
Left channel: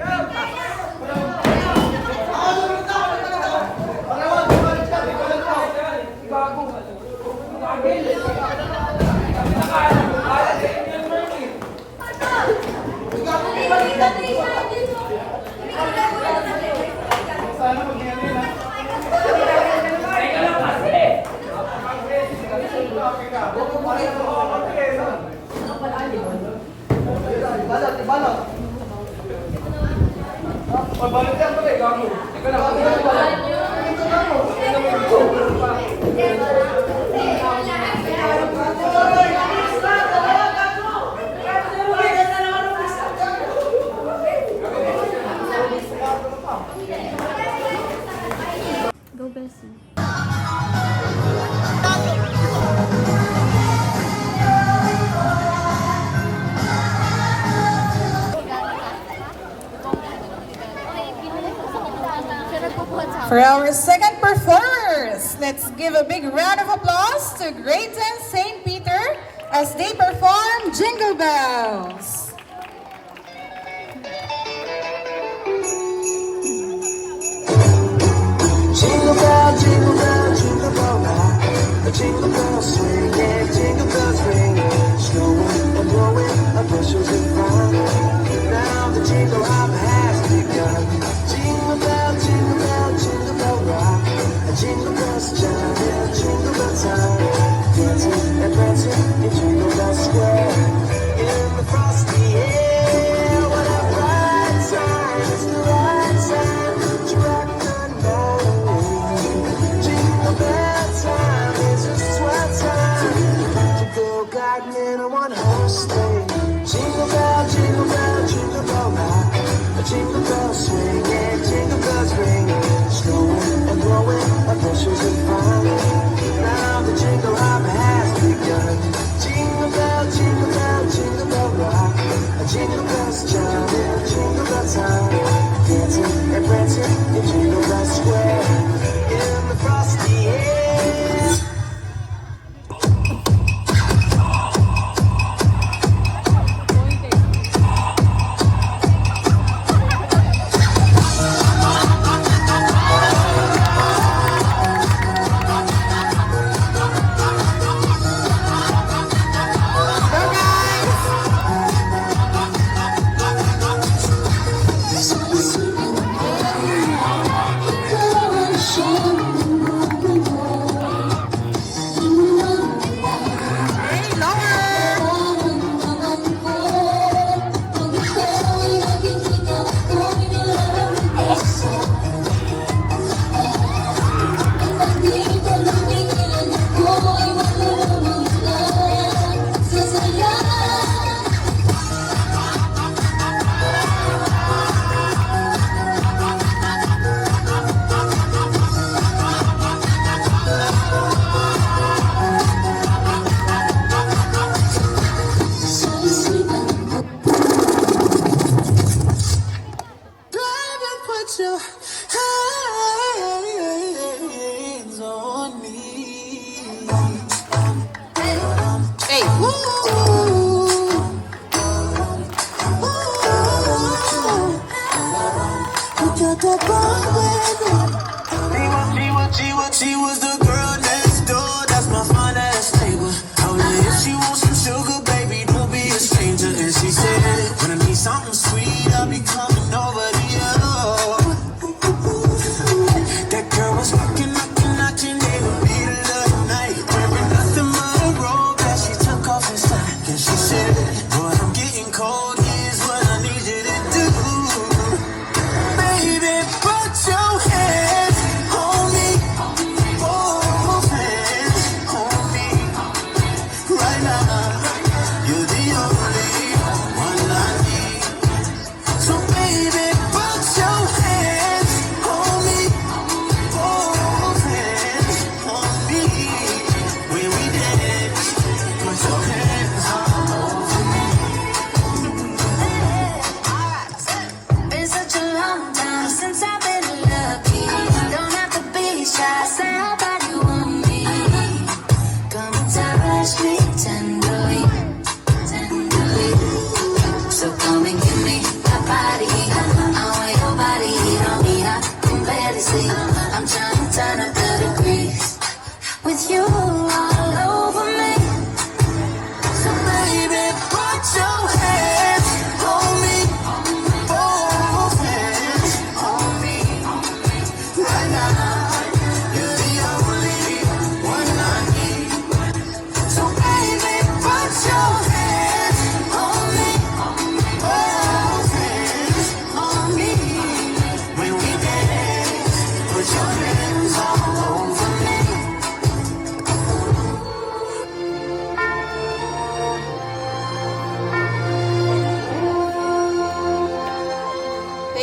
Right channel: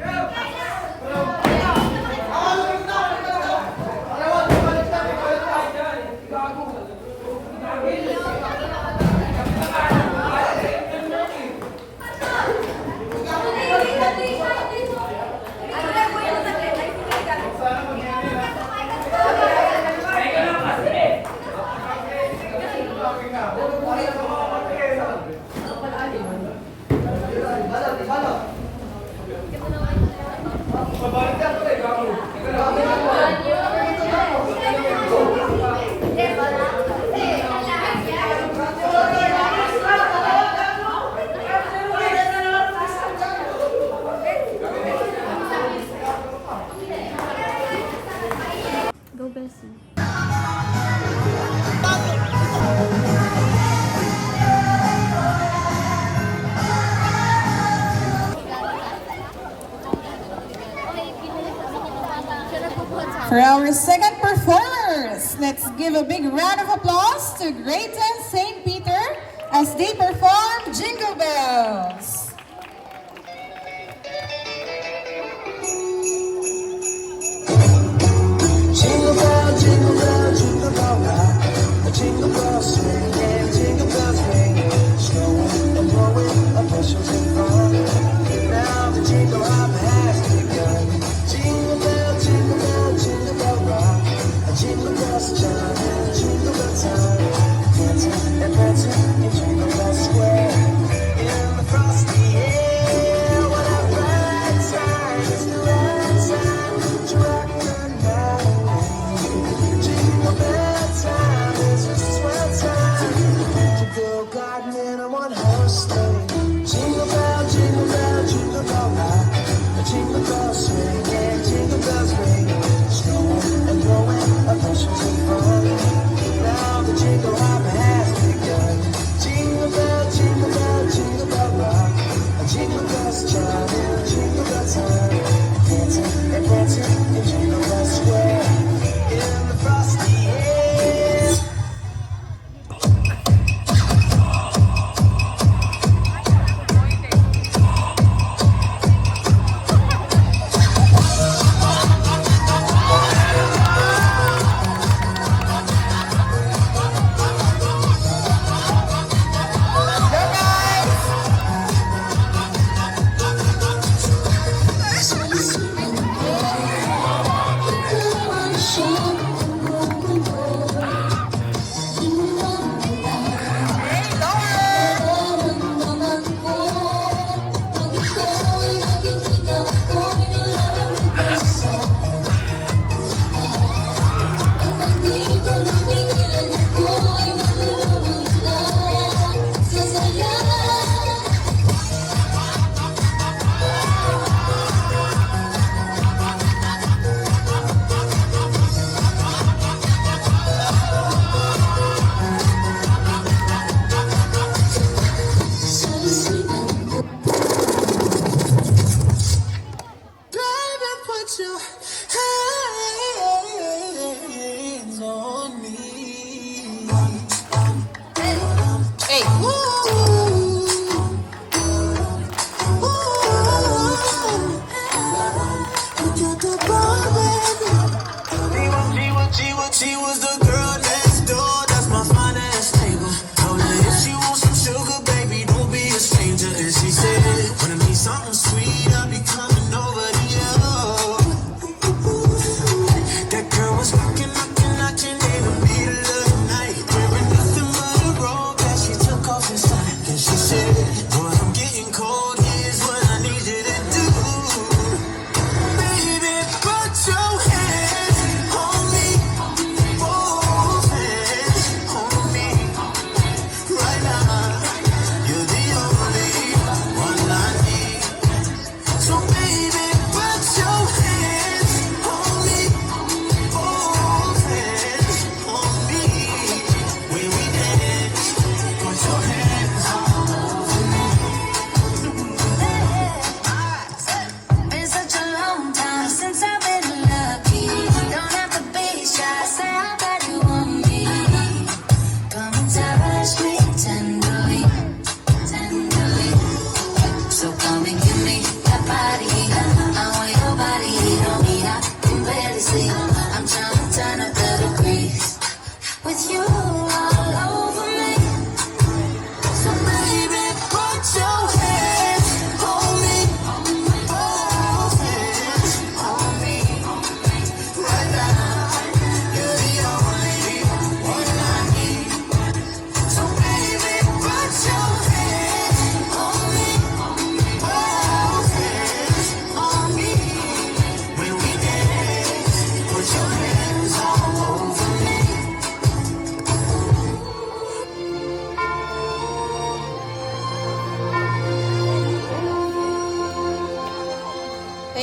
Go, Bessie. For our second performers, let's give a big round of applause to Grayton St. Peter as they perform Jingle Bells. Jingle bell, jingle bell, jingle bell rock. The jingle bells swing and jingle bells ring. Snowing and blowing, up bushels and fun. Now the jingle hop has begun. Jingle bell, jingle bell, jingle bell rock. A jingle bells chime in jingle bell time. Dancing and prancing in Jingle Bell Square. In the frosty air, what a bright time! It's the right time to rock the night. Jingle bell time is just what time to go gliding in a one-horse sleigh. Jingle bell, jingle bell, jingle bell rock. A jingle bell swing and jingle bells ring. Snowing and blowing up bushels of fun. Now the jingle hop has begun. Jingle bell, jingle bell, jingle bell rock. A jingle bells chime in jingle bell time. Dancing and prancing in Jingle Bell Square. In the frosty air. Put your hands on me. Hey, ooh, you got that bomb, baby. She was the girl next door. That's my fine ass neighbor. Told her if she wants some sugar, baby, don't be a stranger. And she said, when I need something sweet, I'll be coming over to you. That girl was knocking every beat of the night. Wearing nothing but a robe that she took off inside. And she said, boy, I'm getting cold. Here's what I need you to do. Baby,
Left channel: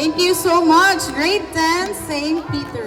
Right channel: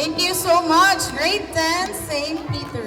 Thank you so much, grade 10, St. Peter.